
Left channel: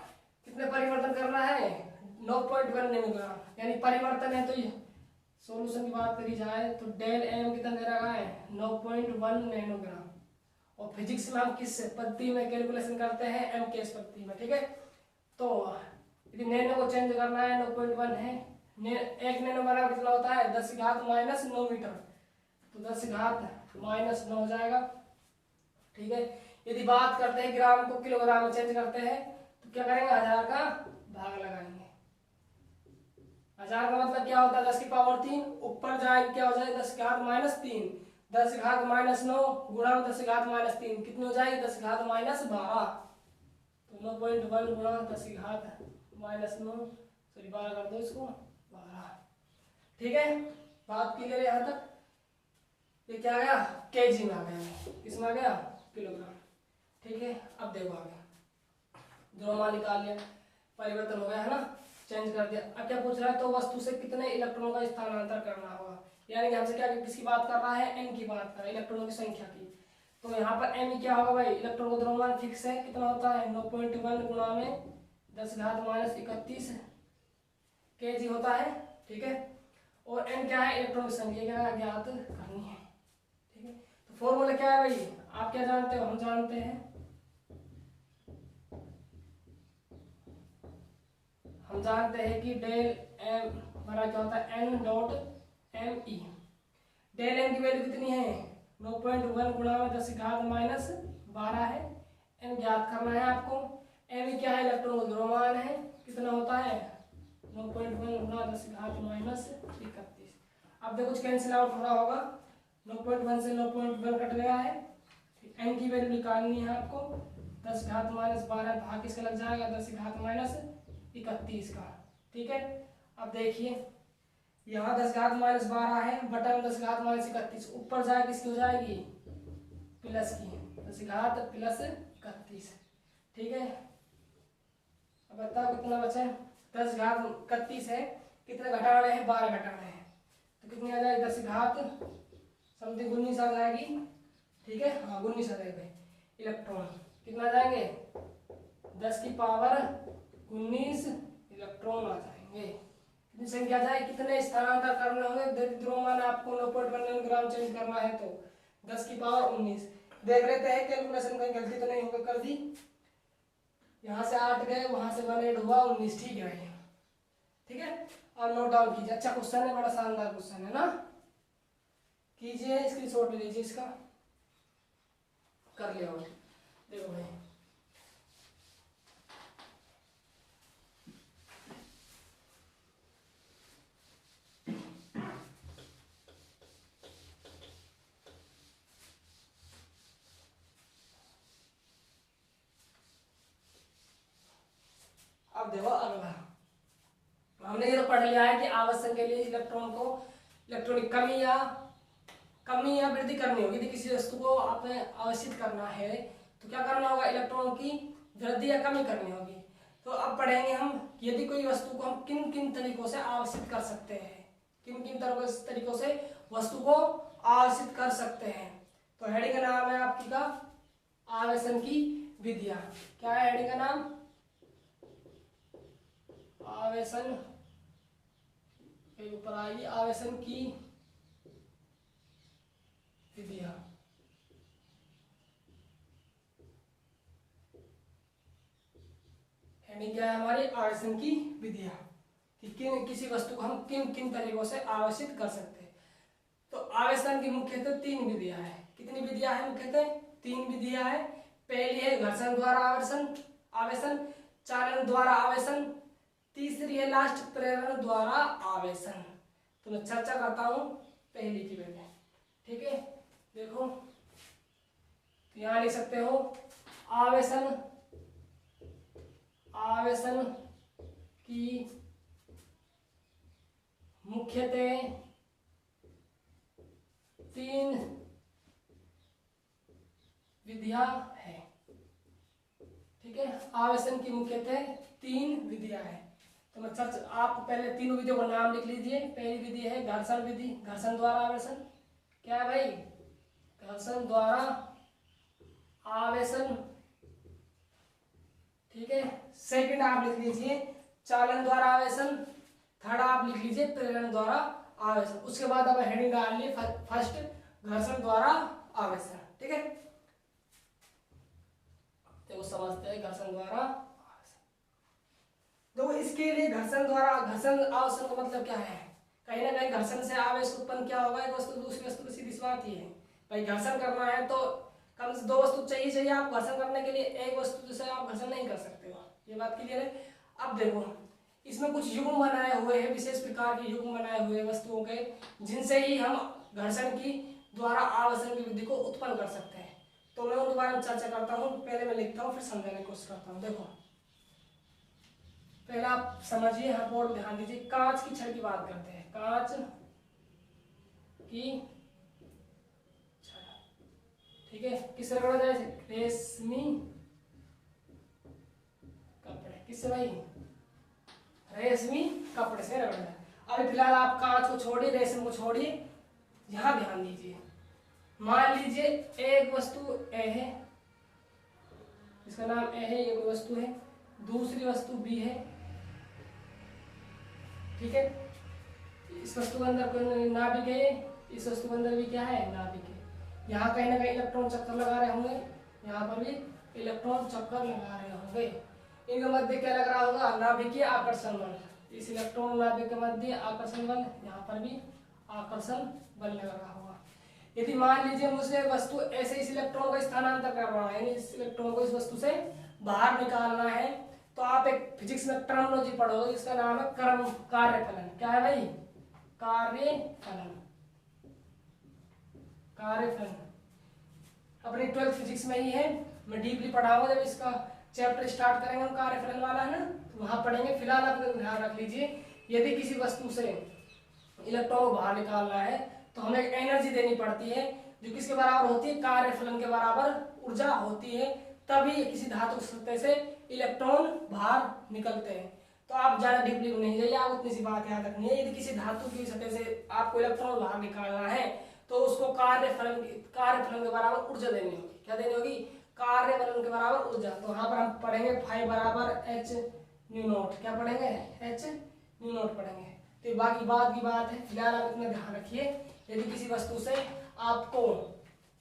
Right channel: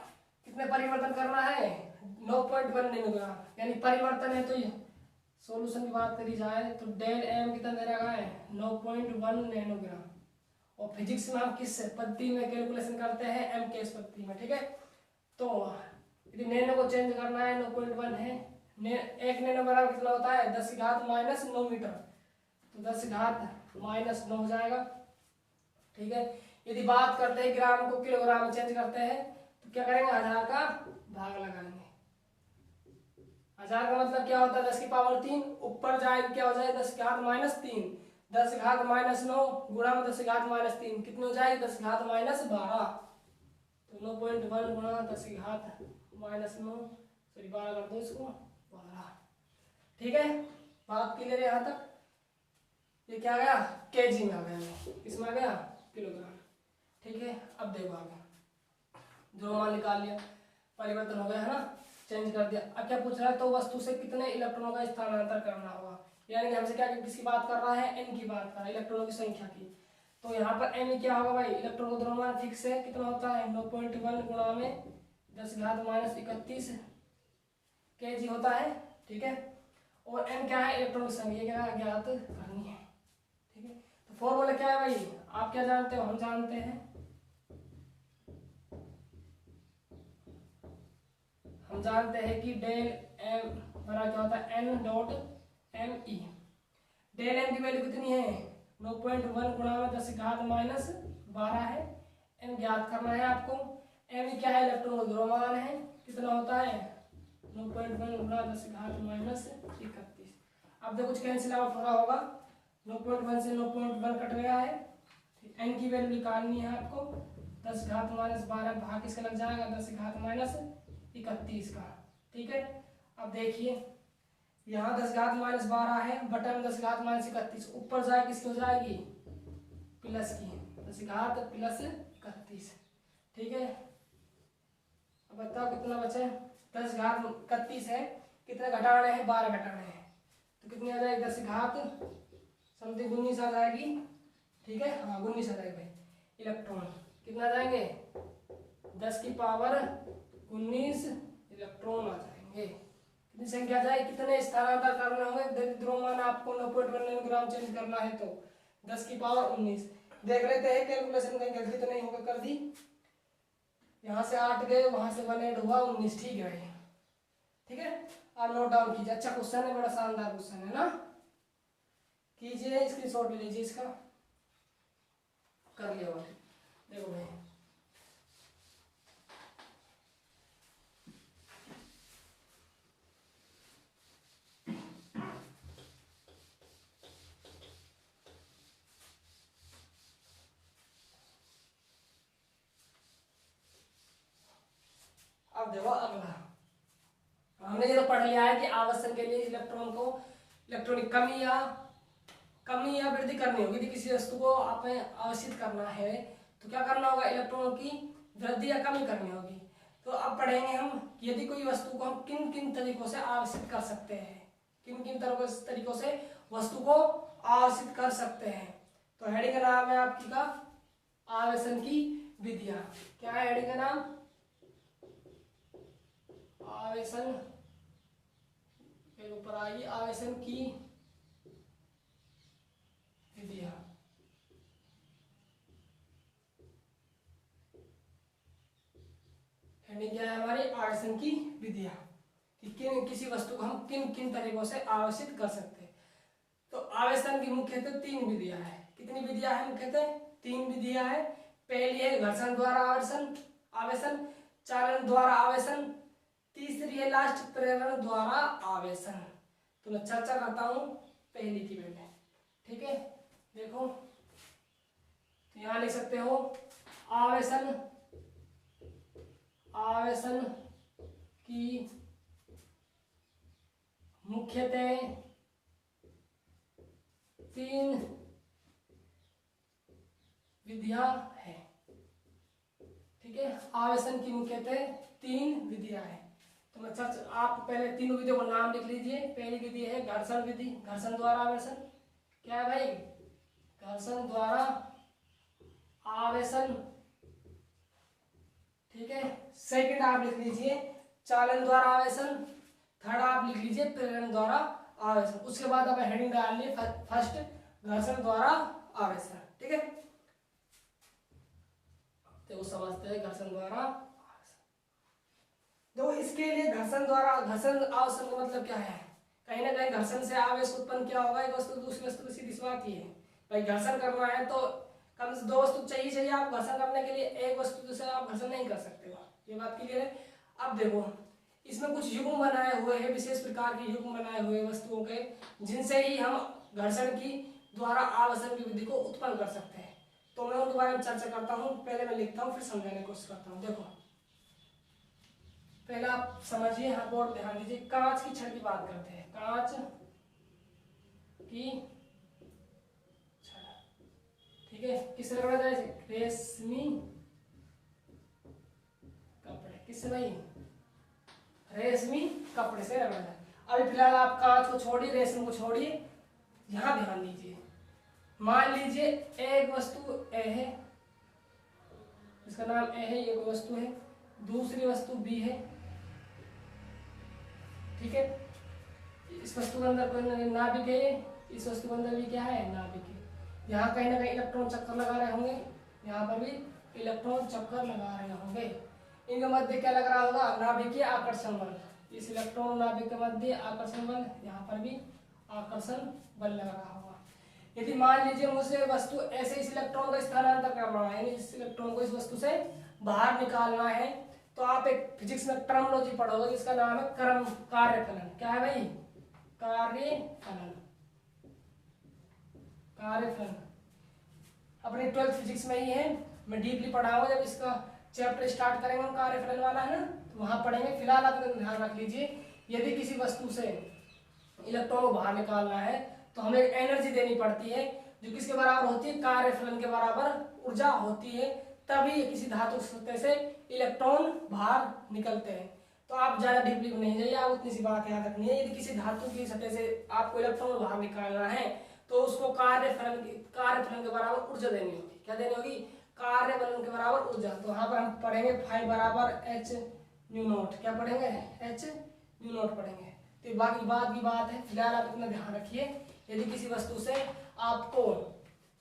कितने परिवर्तन करना है, 9.1 नैनोग्राम, यानी परिवर्तन है तो सॉल्यूशन की बात करी जाए तो डेल एम कितना दे रखा है, 9.1 नैनोग्राम। और फिजिक्स में हम किस पद्धति में कैलकुलेशन करते हैं, एम के पद्धति में। ठीक है, तो यदि नैनो को चेंज करना है, 9.1 है, एक नैनो बराबर कितना होता है, 10⁻⁹ मीटर, तो 10⁻⁹ हो जाएगा। ठीक है, यदि बात करते हैं ग्राम को किलोग्राम में चेंज करते हैं तो क्या करेंगे, 1000 का भाग लगाएंगे। 1000 का मतलब क्या होता है, 10⁻3, ऊपर जाए क्या हो जाए, 10⁻3, 10⁻9 गुणा में 10⁻3 कितनी हो जाएगी, 10⁻12, तो 9.1 गुणा 10⁻9, सॉरी 12 कर दो इसको, 12। ठीक है, बात क्लियर है यहाँ तक। ये क्या आ गया, केजी में आ गया, किसमें आ गया, किलोग्राम। ठीक है, अब देखो आगे, द्रव्यमान निकाल लिया, परिवर्तन हो गया है ना, चेंज कर दिया। अब क्या पूछ रहा है, तो वस्तु से कितने इलेक्ट्रॉनों का स्थानांतरण करना होगा, यानी हमसे क्या, किसकी बात कर रहा है, एन की बात कर रहा है, इलेक्ट्रॉनों की संख्या की। तो यहाँ पर एन क्या होगा भाई, इलेक्ट्रॉन का द्रव्यमान फिक्स है, कितना होता है, 9.1 गुणा में 10⁻31 kg होता है। ठीक है, और एन क्या है, इलेक्ट्रॉन की संख्या क्या ज्ञात करनी है। ठीक है, तो फॉर्मूला क्या है भाई, आप क्या जानते हो, हम जानते हैं, हम जानते हैं कि डेल एम बराबर क्या होता है, N dot M E. Del M की वैल्यू कितनी है, 9.1 गुणा में 10⁻12 है, एन ज्ञात करना है आपको। एम क्या है, इलेक्ट्रॉन का द्रव्यमान है, कितना होता है, 9.1 गुणा 10⁻31। अब देखो कुछ कैंसिल आउट हो रहा होगा, 9.1 से 9.1 कट गया है, एन की वैल्यू निकालनी है आपको, 10⁻12 भाग किसका लग जाएगा, 10⁻31 का। ठीक है, अब देखिए यहाँ 10⁻12 है, बटन 10⁻31, ऊपर जाए किसकी हो जाएगी, प्लस की, 10⁻+31। ठीक है, अब बताओ कितना बचे, 10⁻31 है, कितने घटाने हैं, 12 घटाने हैं, तो कितनी आ जाएगी, 10 समथिंग 19 आ जाएगी। ठीक है, हाँ 19 आ जाएगी। इलेक्ट्रॉन कितना जाएंगे, 10⁻19 इलेक्ट्रॉन आ जाएंगे। कितनी संख्या जाए, कितने स्थानांतर करने होंगे, द्रव्यमान आपको 9.1 ग्राम चेंज करना है तो 10⁻19। देख लेते हैं कैलकुलेशन, कहीं गलती तो नहीं होगा, कर दी, यहाँ से 8 गए, वहां से 1 ऐड हुआ, 19। ठीक है भाई, ठीक है, आप नोट डाउन कीजिए। अच्छा क्वेश्चन है, बड़ा शानदार क्वेश्चन है ना, कीजिए, स्क्रीनशॉट ले लीजिए इसका। कर लिया हो। देखो भाई अब देखो अगला हमने ये तो पढ़ लिया है कि आवर्तन के लिए इलेक्ट्रॉन को इलेक्ट्रॉनिक कमी या वृद्धि करनी होगी। यदि किसी वस्तु को आपने आवर्षित करना है तो क्या करना होगा, इलेक्ट्रॉन की वृद्धि या कमी करनी होगी। तो अब पढ़ेंगे हम यदि कोई वस्तु को हम किन किन तरीकों से आवर्षित कर सकते हैं, किन किन तरीकों से वस्तु को आवर्षित कर सकते हैं। तो हेडिंग का नाम है आपकी का आवेशन की विधियां। क्या है हेडिंग का नाम, आवेशन के ऊपर आएगी आवेशन की विधियां। हेडिंग क्या है हमारी, आवेशन की विधियां, कि किसी वस्तु को हम किन किन तरीकों से आवेशित कर सकते हैं। तो आवेशन की मुख्यतः 3 विधियां हैं। कितनी विधियां हैं, मुख्यतः 3 विधियां हैं। पहली है घर्षण द्वारा आवेशन, चालन द्वारा आवेशन, तीसरी है लास्ट प्रेरण द्वारा आवेशन। तो मैं चर्चा करता हूं पहली की पहले, ठीक है। देखो तो यहां लिख सकते हो आवेशन की मुख्यतः 3 विधियां हैं, ठीक है। आवेशन की मुख्यतः 3 विधियां हैं। तो मैं आप पहले तीनों विधियों का नाम लिख लीजिए। पहली विधि है घर्षण विधि, घर्षण द्वारा आवेशन। क्या है भाई, घर्षण द्वारा आवेशन, ठीक है। सेकंड आप लिख लीजिए चालन द्वारा आवेशन, थर्ड आप लिख लीजिए प्रेरण द्वारा आवेशन। उसके बाद अब हेडिंग डाल ली फर्स्ट घर्षण द्वारा आवेशन, ठीक है। तो समझते हैं घर्षण द्वारा आवेशन। तो इसके लिए घर्षण आवेशन का मतलब क्या है, कहीं ना कहीं घर्षण से आवेश उत्पन्न क्या होगा, एक वस्तु दूसरी वस्तु की सीधी सी बात ये है भाई, घर्षण करना है तो कम से 2 वस्तु चाहिए। आप घर्षण करने के लिए एक वस्तु से आप घर्षण नहीं कर सकते हो, ये बात क्लियर है। अब देखो इसमें कुछ युग्म बनाए हुए हैं, विशेष प्रकार के युग्म बनाए हुए वस्तुओं के, जिनसे ही हम घर्षण की द्वारा आवेशन की विधि को उत्पन्न कर सकते हैं। तो मैं उनके बारे में चर्चा करता हूँ। पहले मैं लिखता हूँ फिर समझाने की कोशिश करता हूँ। देखो पहले आप समझिए, यहाँ पर ध्यान दीजिए। कांच की छड़ की बात करते हैं, कांच की छड़, ठीक है। किससे रगड़ा जाए, रेशमी कपड़े, किससे भाई, रेशमी कपड़े से रगड़ा जाए। अभी फिलहाल आप कांच को छोड़िए, रेशम को छोड़िए, यहां ध्यान दीजिए। मान लीजिए एक वस्तु ए है, इसका नाम ए है, ये कोई वस्तु है, दूसरी वस्तु बी है, ठीक है। इस वस्तु के अंदर कोई नाभिक है, इस वस्तु के अंदर भी क्या है, नाभिक है। यहाँ कहीं ना कहीं इलेक्ट्रॉन चक्कर लगा रहे होंगे, यहाँ पर भी इलेक्ट्रॉन चक्कर लगा रहे होंगे। इनके मध्य क्या लग रहा होगा, नाभिकीय आकर्षण बल। इस इलेक्ट्रॉन और नाभिक के मध्य आकर्षण बल, यहाँ पर भी आकर्षण बल लग रहा होगा। यदि मान लीजिए मुझे वस्तु ऐसे इस इलेक्ट्रॉन को स्थानांतर करना है, इस इलेक्ट्रॉन को इस वस्तु से बाहर निकालना है, तो आप एक फिजिक्स में टर्मिनोलॉजी पढ़ोगे जिसका नाम है कार्यफलन। क्या है भाई, कार्यफलन। अपनी 12th फिजिक्स में ही है, मैं डीपली पढ़ाऊंगा जब इसका चैप्टर स्टार्ट करेंगे हम, कार्यफलन वाला है ना, तो वहां पढ़ेंगे। फिलहाल आप ध्यान रख लीजिए, यदि किसी वस्तु से इलेक्ट्रॉन को बाहर निकालना है तो हमें एनर्जी देनी पड़ती है, जो किसके बराबर होती है, कार्यफलन के बराबर ऊर्जा होती है, तभी किसी धातु सतह से इलेक्ट्रॉन बाहर निकलते हैं। तो आप ज्यादा डीपली नहीं जाइए, आप उतनी सी बात याद रखनी है। यदि किसी धातु की सतह से आपको इलेक्ट्रॉन बाहर निकालना है तो उसको कार्यफलन के बराबर ऊर्जा देनी होगी। क्या देनी होगी, कार्यफलन के बराबर ऊर्जा। तो यहाँ पर हम पढ़ेंगे फाई बराबर एच न्यू नॉट। क्या पढ़ेंगे, एच न्यू नॉट पढ़ेंगे। तो बाकी बात की बात है, फिलहाल आप इतना ध्यान रखिए। यदि किसी वस्तु से आपको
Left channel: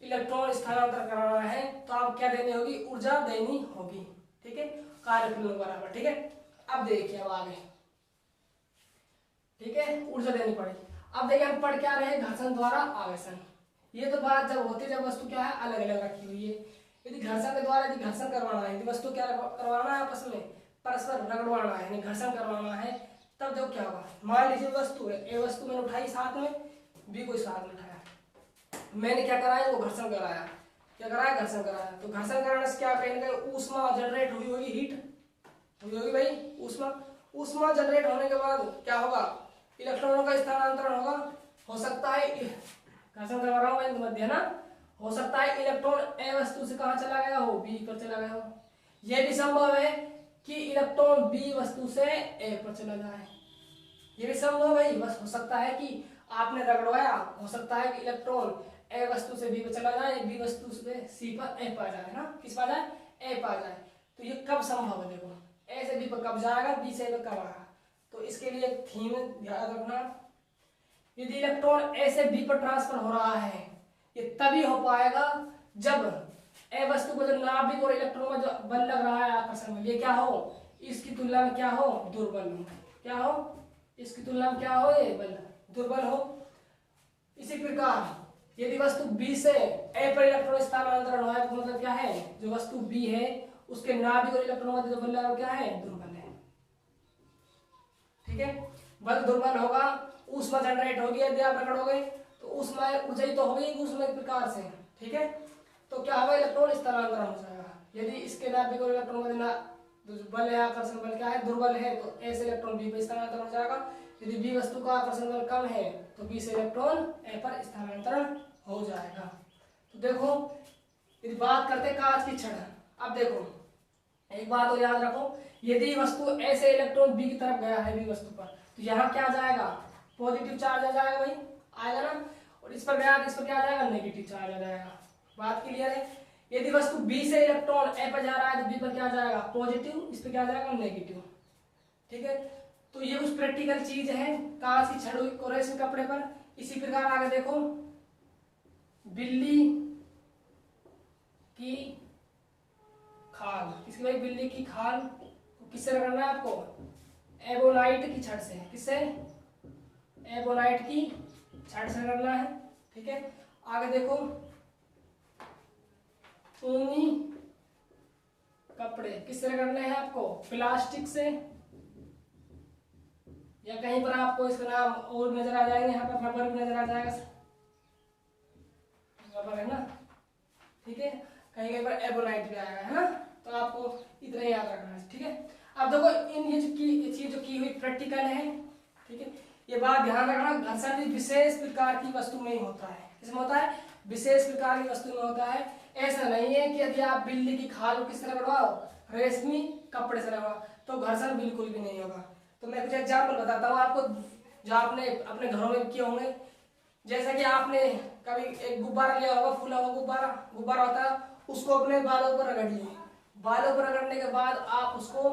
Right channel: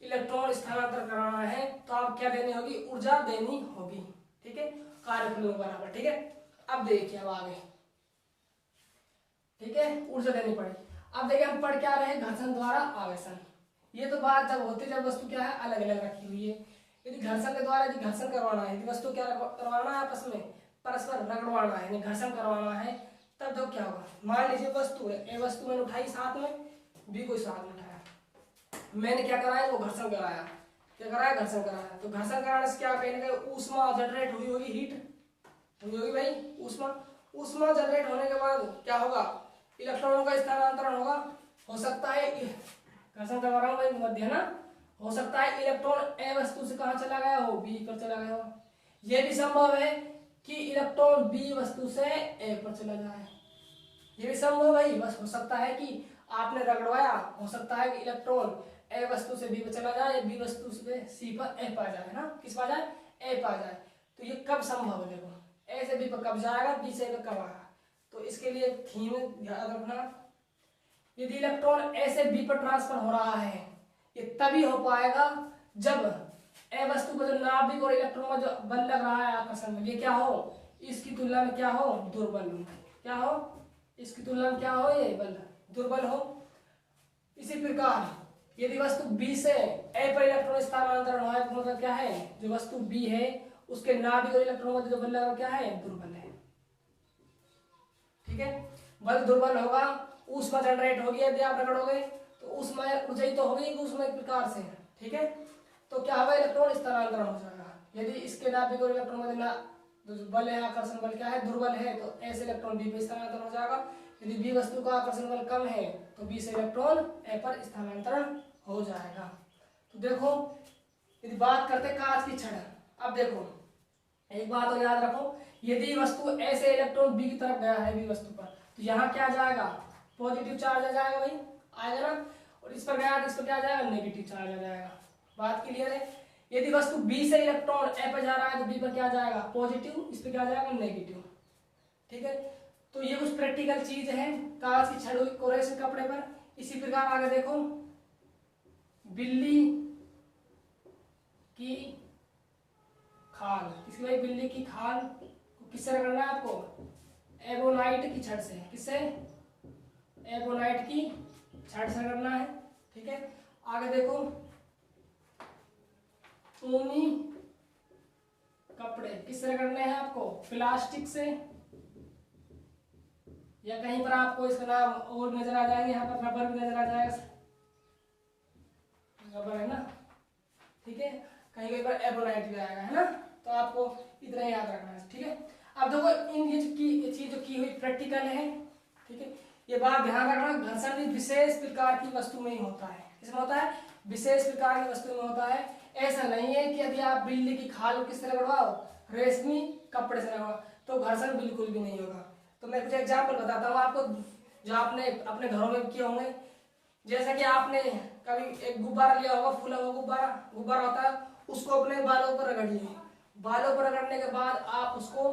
इलेक्ट्रॉन स्थानांतर कराना है तो आप क्या देनी होगी, ऊर्जा देनी होगी, ठीक है, कार्यफलन के बराबर, ठीक है। अब देखिए अब आगे, ठीक है, ऊर्जा देनी पड़ेगी। अब देखिए हम पढ़ क्या रहे हैं, घर्षण द्वारा आवेशन। ये तो बात जब होती है जब वस्तु क्या है, अलग अलग रखी हुई है। यदि घर्षण के द्वारा यदि घर्षण करवाना है, यदि वस्तु क्या करवाना है आपस में परस्पर रगड़वाना है, यानी घर्षण करवाना है, तब जब क्या होगा, मान लीजिए वस्तु है, ए वस्तु मैंने उठाई साथ में, बी को साथ में उठाया, मैंने क्या कराया, वो घर्षण कराया, क्या कराया, घर्षण कराया। तो घर्षण कराने से क्या कहीं ना कहीं ऊष्मा जनरेट हुई होगी, हीट हुई होगी भाई, ऊष्मा जनरेट होने के बाद क्या होगा, इलेक्ट्रॉनों का स्थानांतरण होगा। हो सकता है घर्षण करवा रहा हूँ मध्य ना, हो सकता है इलेक्ट्रॉन ए वस्तु से कहाँ चला गया हो, बी पर चला गया हो। यह भी संभव है कि इलेक्ट्रॉन बी वस्तु से ए पर चला जाए, ये भी संभव है। बस हो सकता है कि आपने रगड़वाया, हो सकता है कि इलेक्ट्रॉन ए वस्तु से बी पर चला जाए, बी वस्तु से सी पर ए पर जाए ना, किस पर जाए, ए पर जाए। तो ये कब संभव है, देखो ए से बी पर कब जाएगा, बी से ए पर कब आएगा। तो इसके लिए थीम याद रखना, यदि इलेक्ट्रॉन ए से बी पर ट्रांसफर हो रहा है, ये तभी हो पाएगा जब ए वस्तु को जो नाभिक और इलेक्ट्रॉन का जो बल लग रहा है आकर्षण में, ये क्या हो, इसकी तुलना में क्या हो, दुर्बल हो, क्या हो, इसकी तुलना में क्या हो, ये बल दुर्बल हो। इसी प्रकार यदि वस्तु बी से ए पर इलेक्ट्रॉन स्थानांतरण हो, तो मतलब क्या है, जो वस्तु बी है उसके नाभिक और इलेक्ट्रॉन का जो बल लगा क्या है, दुर्बल है। ठीक है, बल दुर्बल होगा, ऊष्मा जनरेट होगी, यदि आप रगड़ोगे तो ऊष्मा ऊंचाई तो होगी ऊष्मा एक प्रकार से। ठीक है, तो क्या होगा, इलेक्ट्रॉन स्थानांतरण हो जाएगा। यदि इसके नाभिक और इलेक्ट्रॉन का बल है, आकर्षण बल क्या है, दुर्बल है, तो ए से इलेक्ट्रॉन बी पर स्थानांतरण हो जाएगा। यदि बी वस्तु का आकर्षण बल कम है तो बी से इलेक्ट्रॉन ए पर स्थानांतरण हो जाएगा। तो देखो, यदि बात करते कांच की छड़, अब देखो एक बात और याद रखो, यदि वस्तु ए से इलेक्ट्रॉन बी की तरफ गया है, बी वस्तु पर, तो यहाँ क्या जाएगा, पॉजिटिव चार्ज आ जाएगा भाई, आएगा ना, और इस पर गया तो इस पर क्या आ जाएगा, नेगेटिव चार्ज आ जाएगा। बात क्लियर है। यदि वस्तु बी से इलेक्ट्रॉन ए पर जा रहा है तो बी पर क्या जाएगा, पॉजिटिव, इस पर क्या जाएगा, नेगेटिव। ठीक है, तो ये कुछ प्रैक्टिकल चीज है, कांच की छड़ को रेशमी कपड़े पर। इसी प्रकार आगे देखो, बिल्ली की खाल, किसकी भाई, बिल्ली की खाल को किससे रगड़ना है आपको, एबोनाइट की छड़ से, किससे, एबोनाइट की छड़ से रगड़ना है। ठीक है, आगे देखो, ऊनी कपड़े किससे रगड़ने हैं आपको, प्लास्टिक से, या कहीं पर आपको इसका नाम और नजर आ जाएंगे, यहाँ पर रबर भी नजर आ जाएगा, रबर है ना। ठीक है, कहीं कहीं पर एबोनाइट भी आएगा, है ना। तो आपको इतना याद रखना है। ठीक है, अब देखो इन ये चीज जो की हुई प्रैक्टिकल है। ठीक है, ये बात ध्यान रखना, घर्षण भी विशेष प्रकार की वस्तु में ही होता है, किसमें होता है, विशेष प्रकार की वस्तु में होता है। ऐसा नहीं है कि यदि आप बिल्ली की खाल को किससे रगड़वाओ, रेशमी कपड़े से रगड़वाओ, तो घर्षण बिल्कुल भी नहीं होगा। तो मैं कुछ एग्जाम्पल बताता हूँ आपको, जो आपने अपने घरों में किए होंगे। जैसे कि आपने कभी एक गुब्बारा लिया होगा, फूला हुआ गुब्बारा होता है, उसको अपने बालों पर रगड़ लिए, बालों पर रगड़ने के बाद आप उसको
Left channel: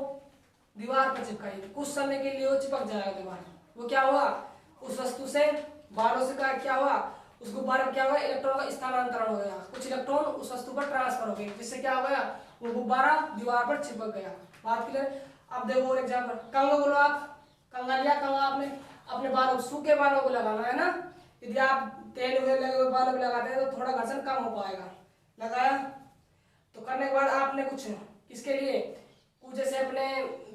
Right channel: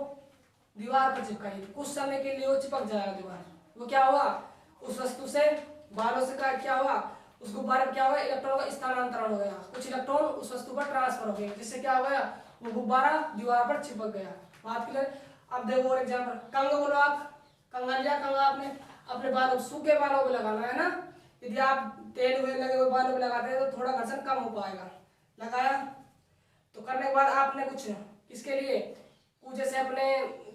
दीवार पर चिपकाइए, कुछ समय के लिए वो चिपक जाएगा दीवार। वो क्या हुआ, उस वस्तु से बालों से क्या हुआ, उस गुब्बारे में क्या हुआ, इलेक्ट्रॉन का स्थानांतरण हो गया, कुछ इलेक्ट्रॉन उस वस्तु पर ट्रांसफर हो गए, जिससे क्या हो गया, वो गुब्बारा दीवार पर चिपक गया। बात क्लियर। अब देखो और एग्जाम्पल, कंघा बोलो आप, कंघा लिया, कंघा आपने अपने बालों, सूखे बालों को लगाना है ना। यदि आप तेल हुए लगे हुए बालों को लगाते हैं तो थोड़ा घर्षण कम हो पाएगा। लगाया तो करने के बाद आपने कुछ किसके लिए, कुछ जैसे अपने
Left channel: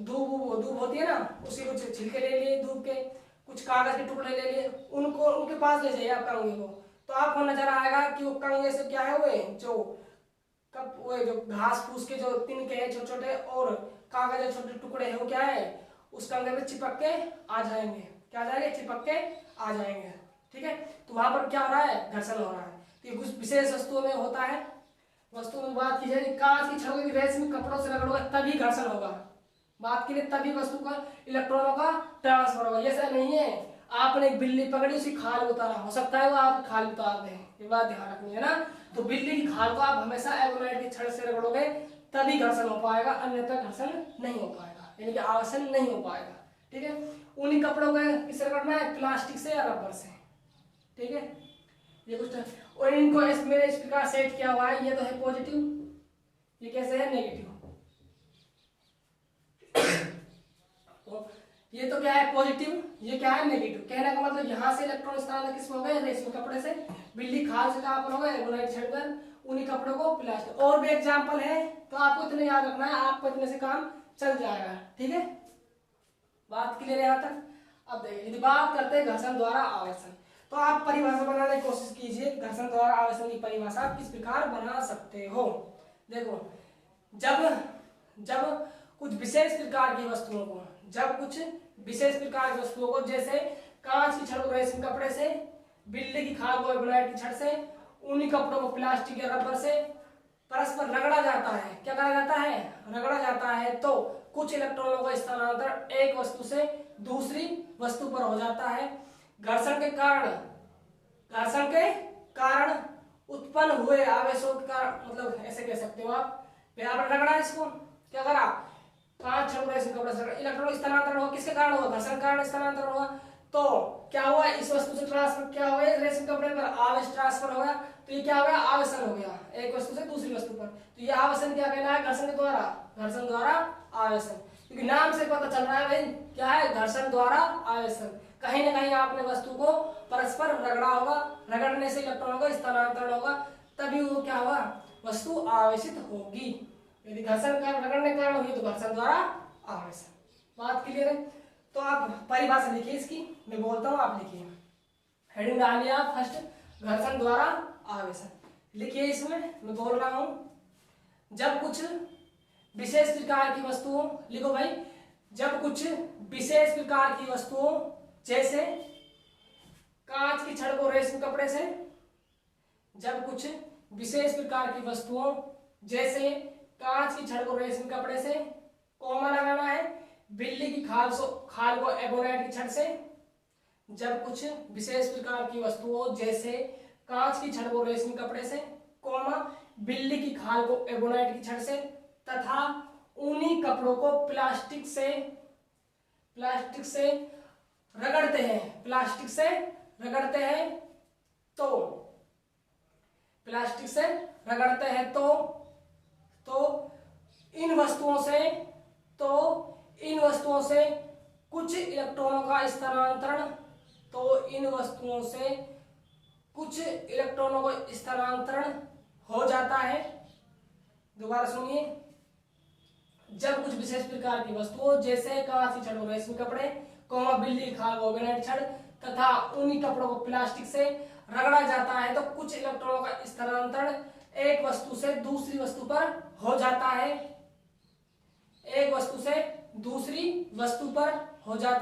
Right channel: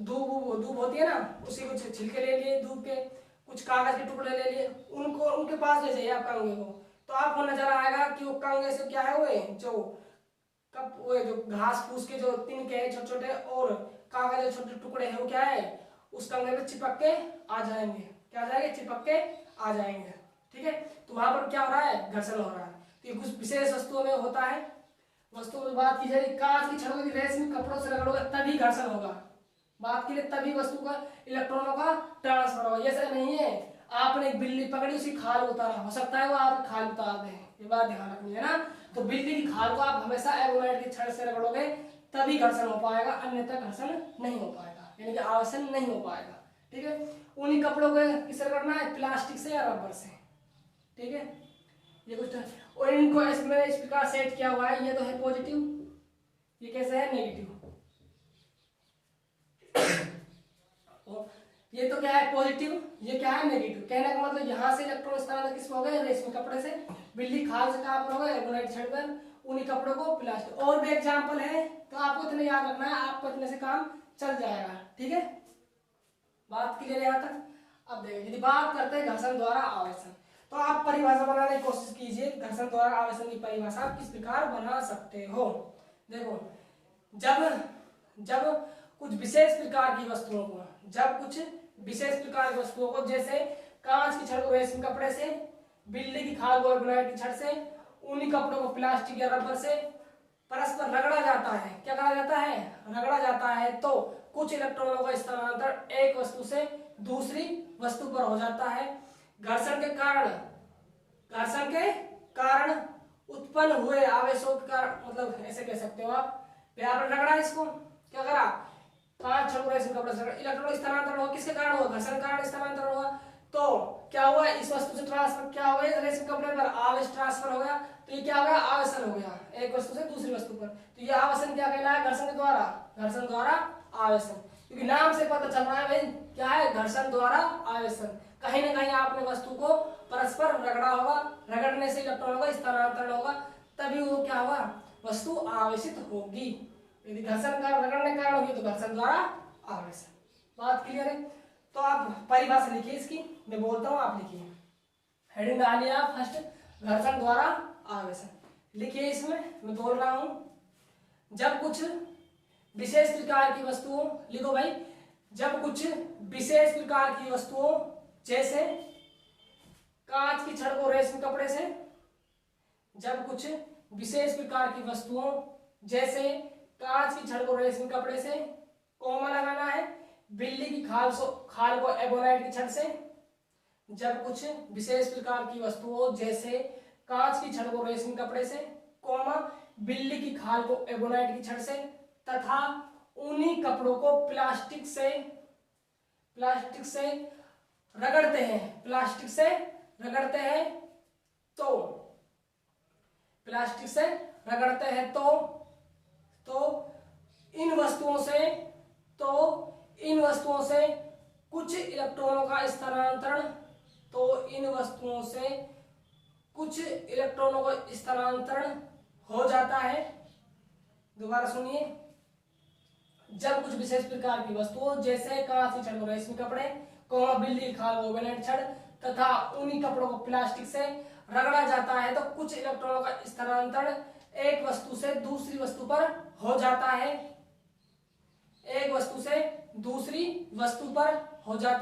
दूब होती है ना, उसके कुछ छिलके ले लिए, दूब के कुछ कागज के टुकड़े ले लिए, उनको उनके पास ले जाइए आप कंघे को, तो आपको नजर आएगा कि वो कंघे से क्या है, वो जो कप वो जो घास फूस के जो तिनके हैं छोटे छोटे और कागज के छोटे टुकड़े हैं, वो क्या है, उस कंघे में चिपक के आ जाएंगे, क्या आ जाएंगे, चिपक के आ जाएंगे। ठीक है, तो वहां पर क्या हो रहा है, घर्षण हो रहा है। तो ये कुछ विशेष वस्तुओं में होता है। वस्तुओं में बात की जाए, कांच की छड़ों की रेशमी कपड़ों से रगड़ोगे तभी घर्षण होगा। बात के लिए तभी वस्तु का इलेक्ट्रॉनों का ट्रांसफर होगा। जैसे नहीं है आपने एक बिल्ली पकड़ी, उसकी खाल उतारा, हो सकता है वो आप खाल उतार दें, ये बात ध्यान रखनी है ना। तो बिल्ली की खाल को आप हमेशा एबोनाइट की छड़ से रगड़ोगे तभी घर्षण हो पाएगा, अन्यथा घर्षण नहीं हो पाएगा, यानी कि आवर्षण नहीं हो पाएगा। ठीक है, उन्हीं कपड़ों को किससे रगड़ना है, प्लास्टिक से या रबर से। ठीक है, ये कुछ, और इनको इसमें इस प्रकार सेट किया हुआ है, ये तो है पॉजिटिव, ये कैसे है, नेगेटिव। ये तो क्या है, पॉजिटिव, ये क्या है, नेगेटिव। कहने का मतलब यहाँ से इलेक्ट्रॉन स्थानांतरण किसमें हो गए, रेशमी कपड़े से, बिल्ली खाल से कहाँ पर हो गए, एबोनाइट छड़कर, ऊनी कपड़ों को प्लास्टिक। और भी एग्जाम्पल है तो आपको इतने याद रखना है, आपको इतने से काम चल जाएगा। ठीक है, बात क्लियर है यहाँ तक। अब देखिए यदि बात करते हैं घर्षण द्वारा आवेशन, तो आप परिभाषा बनाने की कोशिश कीजिए। घर्षण द्वारा आवेशन की परिभाषा आप किस प्रकार बना सकते हो। देखो, जब कुछ विशेष प्रकार की वस्तुओं को, जैसे कांच की छड़ को रेशमी कपड़े से, बिल्ली की खाल को एबोनाइट की छड़ से, ऊनी कपड़ों को प्लास्टिक या रबर से परस्पर रगड़ा जाता है। क्या करा जाता है? रगड़ा जाता है। तो कुछ इलेक्ट्रॉनों का स्थानांतरण एक वस्तु से दूसरी वस्तु पर हो जाता है। घर्षण के कारण उत्पन्न हुए आवेशों का, मतलब ऐसे कह सकते हो आप, यहाँ पर रगड़ा इसको, क्या करा? कांच छड़ रेशमी कपड़े से इलेक्ट्रॉन स्थानांतरण हुआ। किसके कारण हुआ? घर्षण के कारण स्थानांतरण हुआ। तो क्या हुआ? इस वस्तु से ट्रांसफर क्या हो गया? रेशमी कपड़े पर आवेश ट्रांसफर हो गया। तो ये क्या हो गया? आवेशन हो गया, एक वस्तु से दूसरी वस्तु पर। तो ये आवेशन क्या कहलाया? घर्षण द्वारा आवेशन। क्योंकि नाम से पता चल रहा है भाई क्या है? घर्षण द्वारा आवेशन। कहीं ना कहीं आपने वस्तु को परस्पर रगड़ा होगा, रगड़ने से इलेक्ट्रॉनों का स्थानांतरण होगा, तभी वो क्या हुआ? वस्तु आवेशित होगी। यदि घर्षण का रगड़ने के कारण होगी तो घर्षण द्वारा आवेशन। बात क्लियर है? तो आप परिभाषा लिखिए इसकी, मैं बोलता हूँ आप लिखिए। हेडिंग डालिए आप फर्स्ट, घर्षण द्वारा आवेशन लिखिए। इसमें मैं बोल रहा हूं, जब कुछ विशेष प्रकार की वस्तुओं, लिखो भाई, जब कुछ विशेष प्रकार की वस्तुओं जैसे कांच की छड़ को रेशमी कपड़े से, जब कुछ विशेष प्रकार की वस्तुओं जैसे कांच की छड़ को रेशमी कपड़े से, कॉमा लगाना है, बिल्ली की खाल को एबोनाइट की छड़ से, जब कुछ विशेष प्रकार की वस्तुओं जैसे कांच की छड़ को रेशमी कपड़े से, कॉमा बिल्ली की खाल को एबोनाइट की छड़ से, तथा ऊनी कपड़ों को प्लास्टिक से रगड़ते हैं, तो इन वस्तुओं से कुछ इलेक्ट्रॉनों का स्थानांतरण हो जाता है। दोबारा सुनिए, जब कुछ विशेष प्रकार की वस्तुओं जैसे कांच की छड़ को रेशमी कपड़े, बिल्ली की खाल को एबोनाइट छड़ तथा ऊनी कपड़ों को प्लास्टिक से रगड़ा जाता है, तो कुछ इलेक्ट्रॉनों का स्थानांतरण एक वस्तु से दूसरी वस्तु पर हो जाता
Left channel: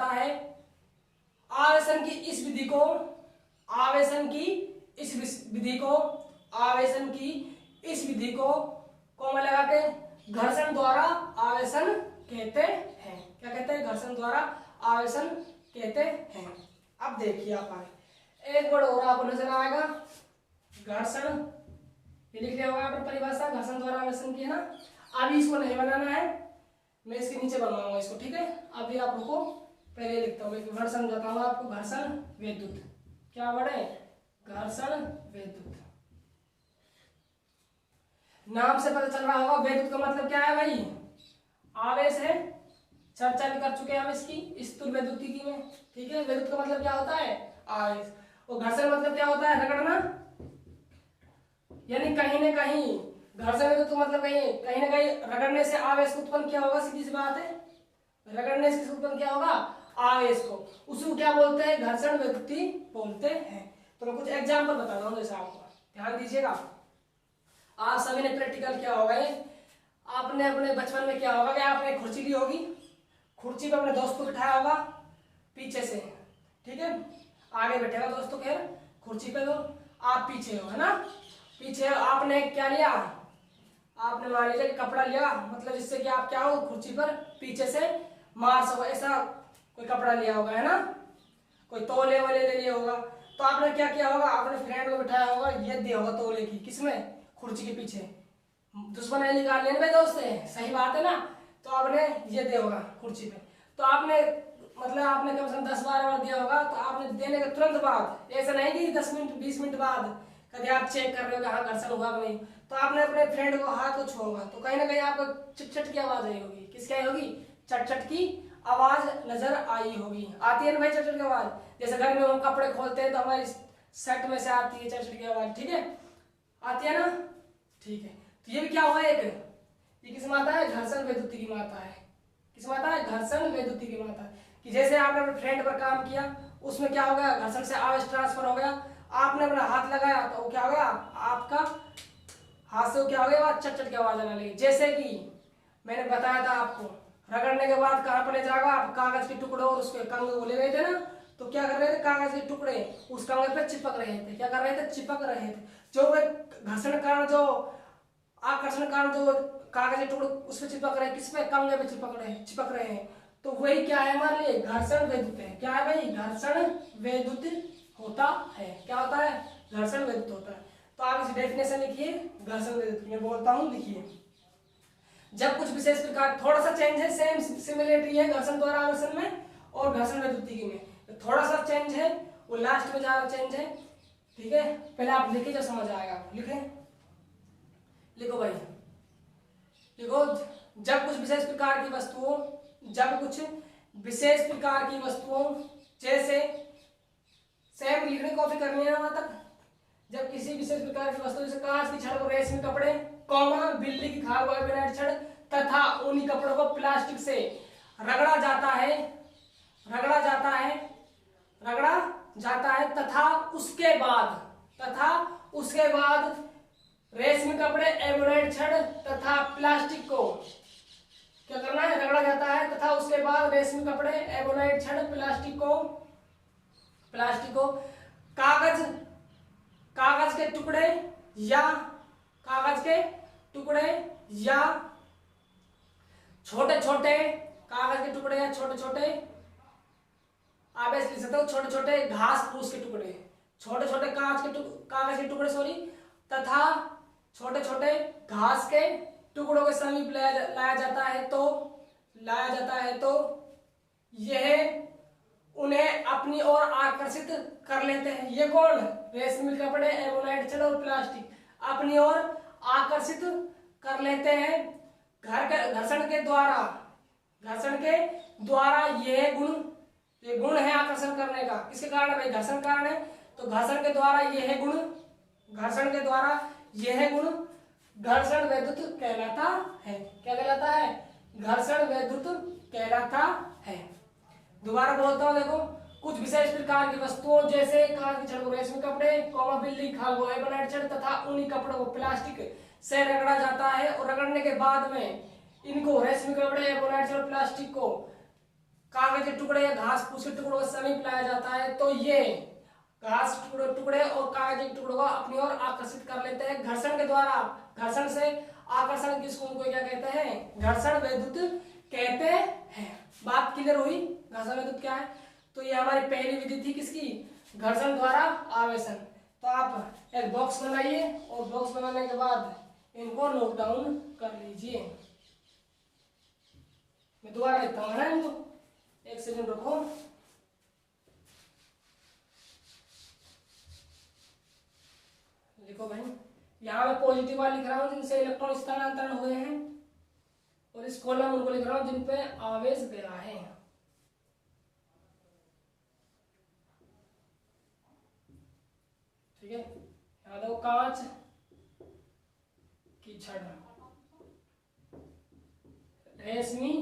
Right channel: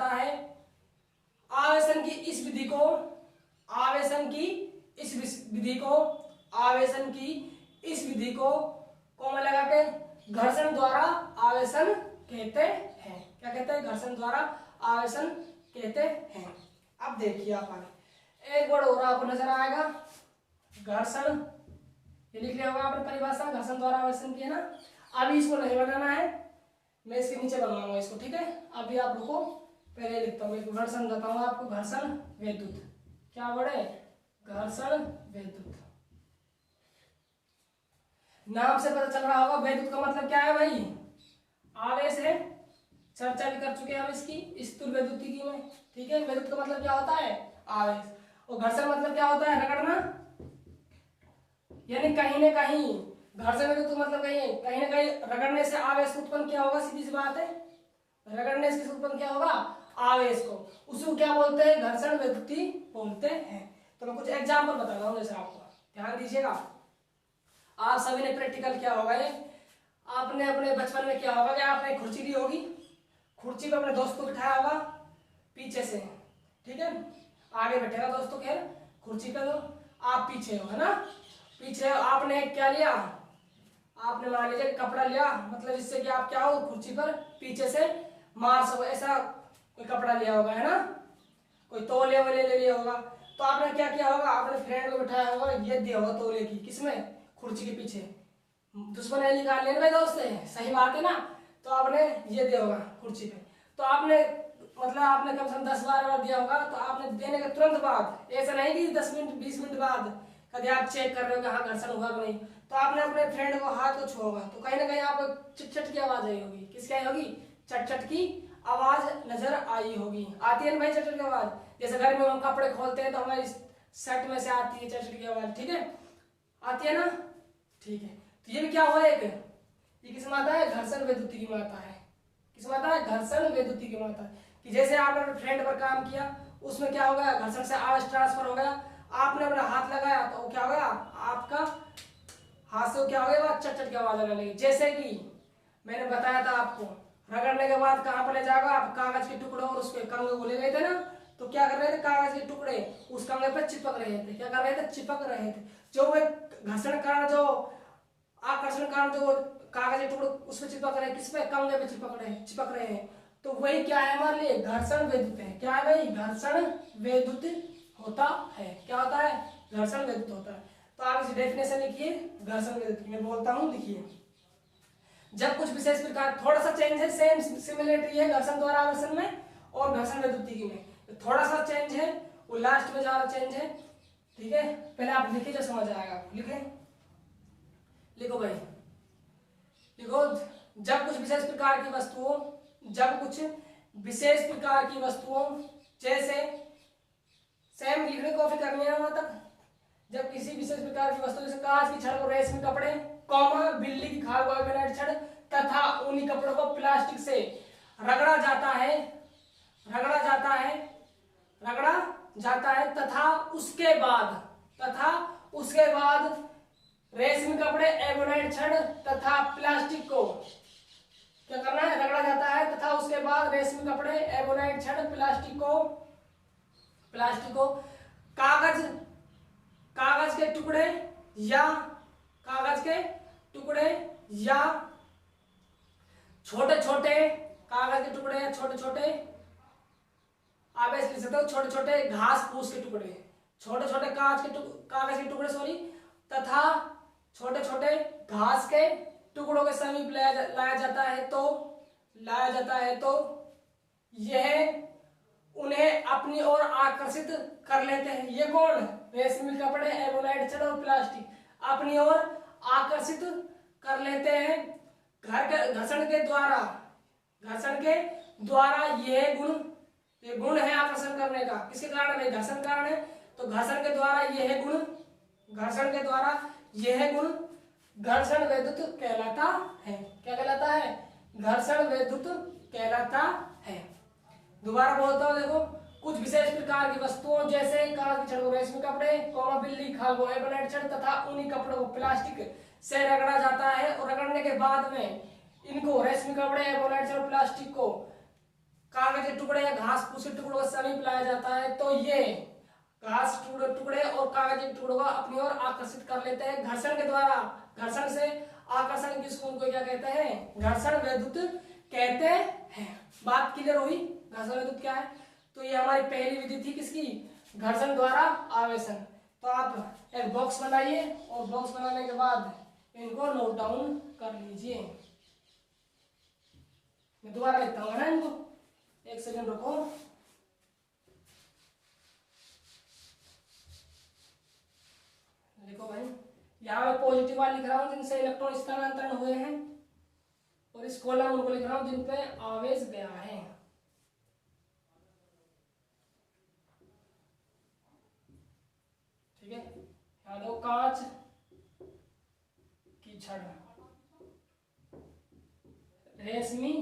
है। आवेशन की इस विधि को कॉमा लगा के घर्षण द्वारा आवेशन कहते हैं। क्या कहते हैं? घर्षण द्वारा आवेशन कहते हैं। अब देखिए आप आगे एक वर्ड और आपको नजर आएगा, घर्षण। ये लिख लिया होगा आपने परिभाषा, घर्षण द्वारा आवेशन की है ना। अभी इसको नहीं बनाना है, मैं इसके नीचे बनवाऊंगा इसको। ठीक है, अभी आप लोग को पहले लिखता हूँ, घर्षण बताऊंगा आपको। घर्षण विद्युत, क्या वर्ड है? घर्षण विद्युत। नाम से पता चल रहा होगा विद्युत का मतलब क्या है भाई? आवेश है। चर्चा भी कर चुके हैं हम इसकी स्थूल विद्युतिकी में। ठीक है, विद्युत का मतलब क्या होता है? आवेश। और घर्षण मतलब क्या होता है? रगड़ना। यानी कहीं ना कहीं घर्षण विद्युत का मतलब कहीं ना कहीं रगड़ने से आवेश उत्पन्न क्या होगा? सीधी सी बात है, रगड़ने से उत्पन्न क्या होगा? आवेश को। उसको क्या बोलते हैं? घर्षण विद्युती बोलते हैं। तो मैं कुछ एग्जाम्पल बता रहा हूँ, जैसे आपको ध्यान दीजिएगा। आप सभी ने प्रैक्टिकल किया होगा, आपने अपने बचपन में क्या होगा कि आपने कुर्सी ली होगी, कुर्सी पे अपने दोस्त को बिठाया होगा पीछे से। ठीक है, आगे बैठेगा दोस्त तो खैर कुर्सी पे, तो आप पीछे हो, है ना। पीछे आपने क्या लिया? आपने मान लीजिए कपड़ा लिया, मतलब जिससे कि आप क्या हो? कुर्सी पर पीछे से मार सको, ऐसा कोई कपड़ा लिया होगा, है ना। कोई तौले वाले ले लिया होगा। तो आपने क्या किया होगा? अपने फ्रेंड को बिठाया होगा, ये दिया होगा तौले की, किसमें? कुर्सी के पीछे। दुश्मन है निकाल लेने भाई दोस्त है, सही बात है ना। तो आपने ये दिया होगा कुर्सी पे, तो आपने मतलब आपने कम से कम 10-12 बार दिया होगा। तो आपने देने के तुरंत बाद, ऐसा नहीं कि 10 मिनट 20 मिनट बाद कभी आप चेक कर रहे हो कि हाँ घर्षण हुआ कि नहीं, तो आपने अपने फ्रेंड को हाथ को छुआ होगा, तो कहीं ना कहीं आपको चट की आवाज आई होगी। किसकी आई होगी? चट की आवाज नजर आई होगी। आती है ना भाई चट की आवाज? जैसे घर में हम कपड़े खोलते हैं तो हमारी शर्ट में से आती है चट की आवाज। ठीक है, आती है ना। ठीक है, तो ये भी क्या हुआ एक, ये किस माता है, घर्षण वैद्युति की माता है। किस माता है, घर्षण वैद्युति की माता। कि जैसे आपने अपने फ्रेंड पर काम किया, उसमें क्या हो गया, घर्षण से आवेश ट्रांसफर हो गया, आपने अपना हाथ लगाया तो क्या हो गया, आपका हाथ से क्या हो गया, चट चट की आवाज आने लगी। जैसे कि मैंने बताया था आपको, रगड़ने के बाद कहां पर ले जाएगा आप, कागज के टुकड़े और उसके कंगे को ले गए थे ना, तो क्या कर रहे थे, कागज के टुकड़े उस कंगे पे चिपक रहे थे। क्या कर रहे थे, चिपक रहे थे। जो वे घर्षण कारण, जो आकर्षण कारण, जो कागज के टुकड़े उस पे चिपक रहे हैं, किस पे, कंगे पे चिपक रहे हैं, तो वही क्या है हमारे लिए, घर्षण वैद्युत है। क्या है भाई, घर्षण वैद्युत होता है। क्या होता है, घर्षण वैद्युत होता है। तो आप इस डेफिनेशन लिखिए, घर्षण वैद्युत। मैं बोलता हूं, लिखिए। जब कुछ विशेष प्रकार, थोड़ा सा चेंज है, सेम सिमिलरिटी है घर्षण द्वारा आकर्षण में और घर्षण वैद्युति में, थोड़ा सा चेंज है, वो लास्ट में ज्यादा चेंज है। ठीक है, पहले आप लिखिए, जब समझ आएगा। लिखे, लिखो भाई, लिखो। जब कुछ विशेष प्रकार की वस्तुओं, जब कुछ विशेष प्रकार की वस्तुओं, जैसे सेम लिखने कॉपी करनी है वहां तक। जब किसी विशेष प्रकार की वस्तु, जैसे कांच की छड़ को रेशमी कपड़े, कौमा बिल्ली की खाल को एबोनाइट छड़ तथा ऊनी कपड़ों को प्लास्टिक से रगड़ा जाता है, रगड़ा जाता है, रगड़ा जाता है, तथा उसके बाद रेशमी कपड़े, एबोनाइट छड़ तथा प्लास्टिक को क्या करना है, रगड़ा जाता है, तथा उसके बाद रेशमी कपड़े, एबोनाइट छड़, प्लास्टिक को कागज के टुकड़े या छोटे छोटे कागज के टुकड़े या छोटे छोटे, आप ऐसे लिख सकते हो, छोटे छोटे घास फूस के टुकड़े, छोटे छोटे कागज के टुकड़े सॉरी, तथा छोटे छोटे घास के टुकड़ों के समीप लाया जाता है तो यह उन्हें अपनी ओर आकर्षित कर लेते हैं। ये कौन, रेशमी कपड़े, एबोनाइट छड़ और प्लास्टिक अपनी ओर आकर्षित कर लेते हैं। घर्षण के द्वारा यह गुण है आकर्षण करने का। किसके कारण भाई, घर्षण कारण है, तो घर्षण के द्वारा यह गुण घर्षण वैद्युत कहलाता है। क्या कहलाता है, घर्षण वैद्युत कहलाता है। दोबारा बोलता हूं, देखो। कुछ विशेष प्रकार की वस्तुओं, जैसे कांच की छड़ को रेशमी कपड़े, कौमा बिल्ली की खाल को एबोनाइट छड़ तथा ऊनी कपड़ों को प्लास्टिक से रगड़ा जाता है, और रगड़ने के बाद में इनको रेशमी कपड़े, एबोनाइट छड़, प्लास्टिक को कागज के टुकड़े या घास फूस के टुकड़ों के समीप लाया जाता है, तो ये घास टुकड़े और कागज के टुकड़ों को अपनी ओर आकर्षित कर लेते हैं। घर्षण के द्वारा, घर्षण से आकर्षण किसको क्या कहते हैं, घर्षण वैद्युत कहते हैं। बात क्लियर हुई, घर्षण वैद्युत क्या है। तो ये हमारी पहली विधि थी, किसकी, घर्षण द्वारा आवेशन। तो आप एक बॉक्स बनाइए, और बॉक्स बनाने के बाद इनको नोट डाउन कर लीजिए। मैं दोबारा लिखता हूँ ना इनको, एक सेकंड रुको। देखो भाई, यहाँ पे पॉजिटिव वाले लिख रहा हूँ जिनसे इलेक्ट्रॉन स्थानांतरण हुए हैं, और इस कॉलम उनको लिख रहा हूँ जिन पे आवेश गया है। ठीक है, यहाँ देखो, कांच की छड़, रेशमी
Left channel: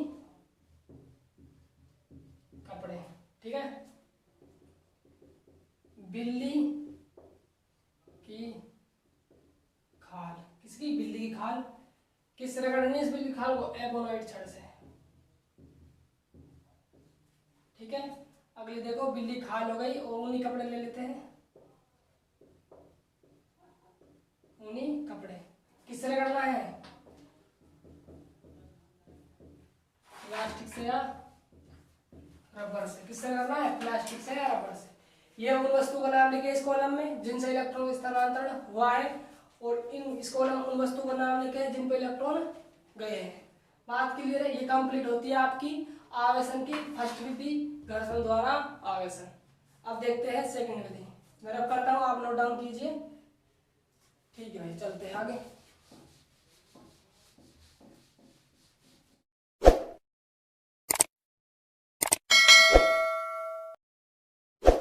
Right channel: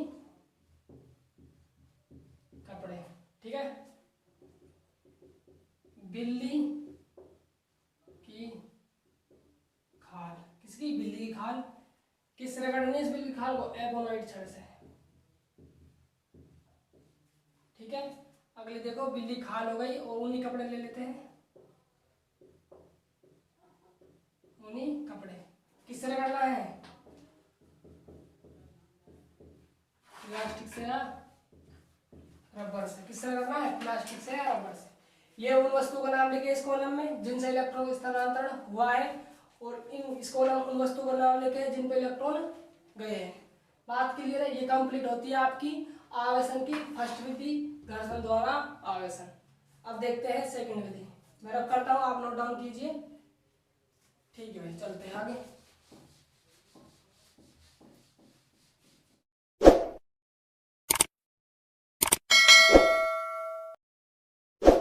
कपड़े, ठीक है, बिल्ली की खाल, किसकी, बिल्ली की खाल, किस रगड़ने इस बिल्ली की खाल को, एबोनाइट छड़ से। ठीक है, अगली देखो, बिल्ली खाल हो गई, और ऊनी कपड़े ले लेते हैं। ऊनी कपड़े किससे रगड़ना है, प्लास्टिक से या रबर से। किससे रगड़ना है, प्लास्टिक से या रबर से। ये उन वस्तु का नाम लिखिए इस कॉलम में जिनसे इलेक्ट्रॉन स्थानांतरण हुआ है, और इस कॉलम उन वस्तु का नाम लिखे जिन पे इलेक्ट्रॉन गए हैं। बात क्लियर है, ये कंप्लीट होती है आपकी आवेशन की फर्स्ट विधि, घर्षण द्वारा आवेशन। अब देखते हैं सेकंड विधि। मैं रब करता हूँ, आप नोट डाउन कीजिए। ठीक है भाई, चलते हैं आगे।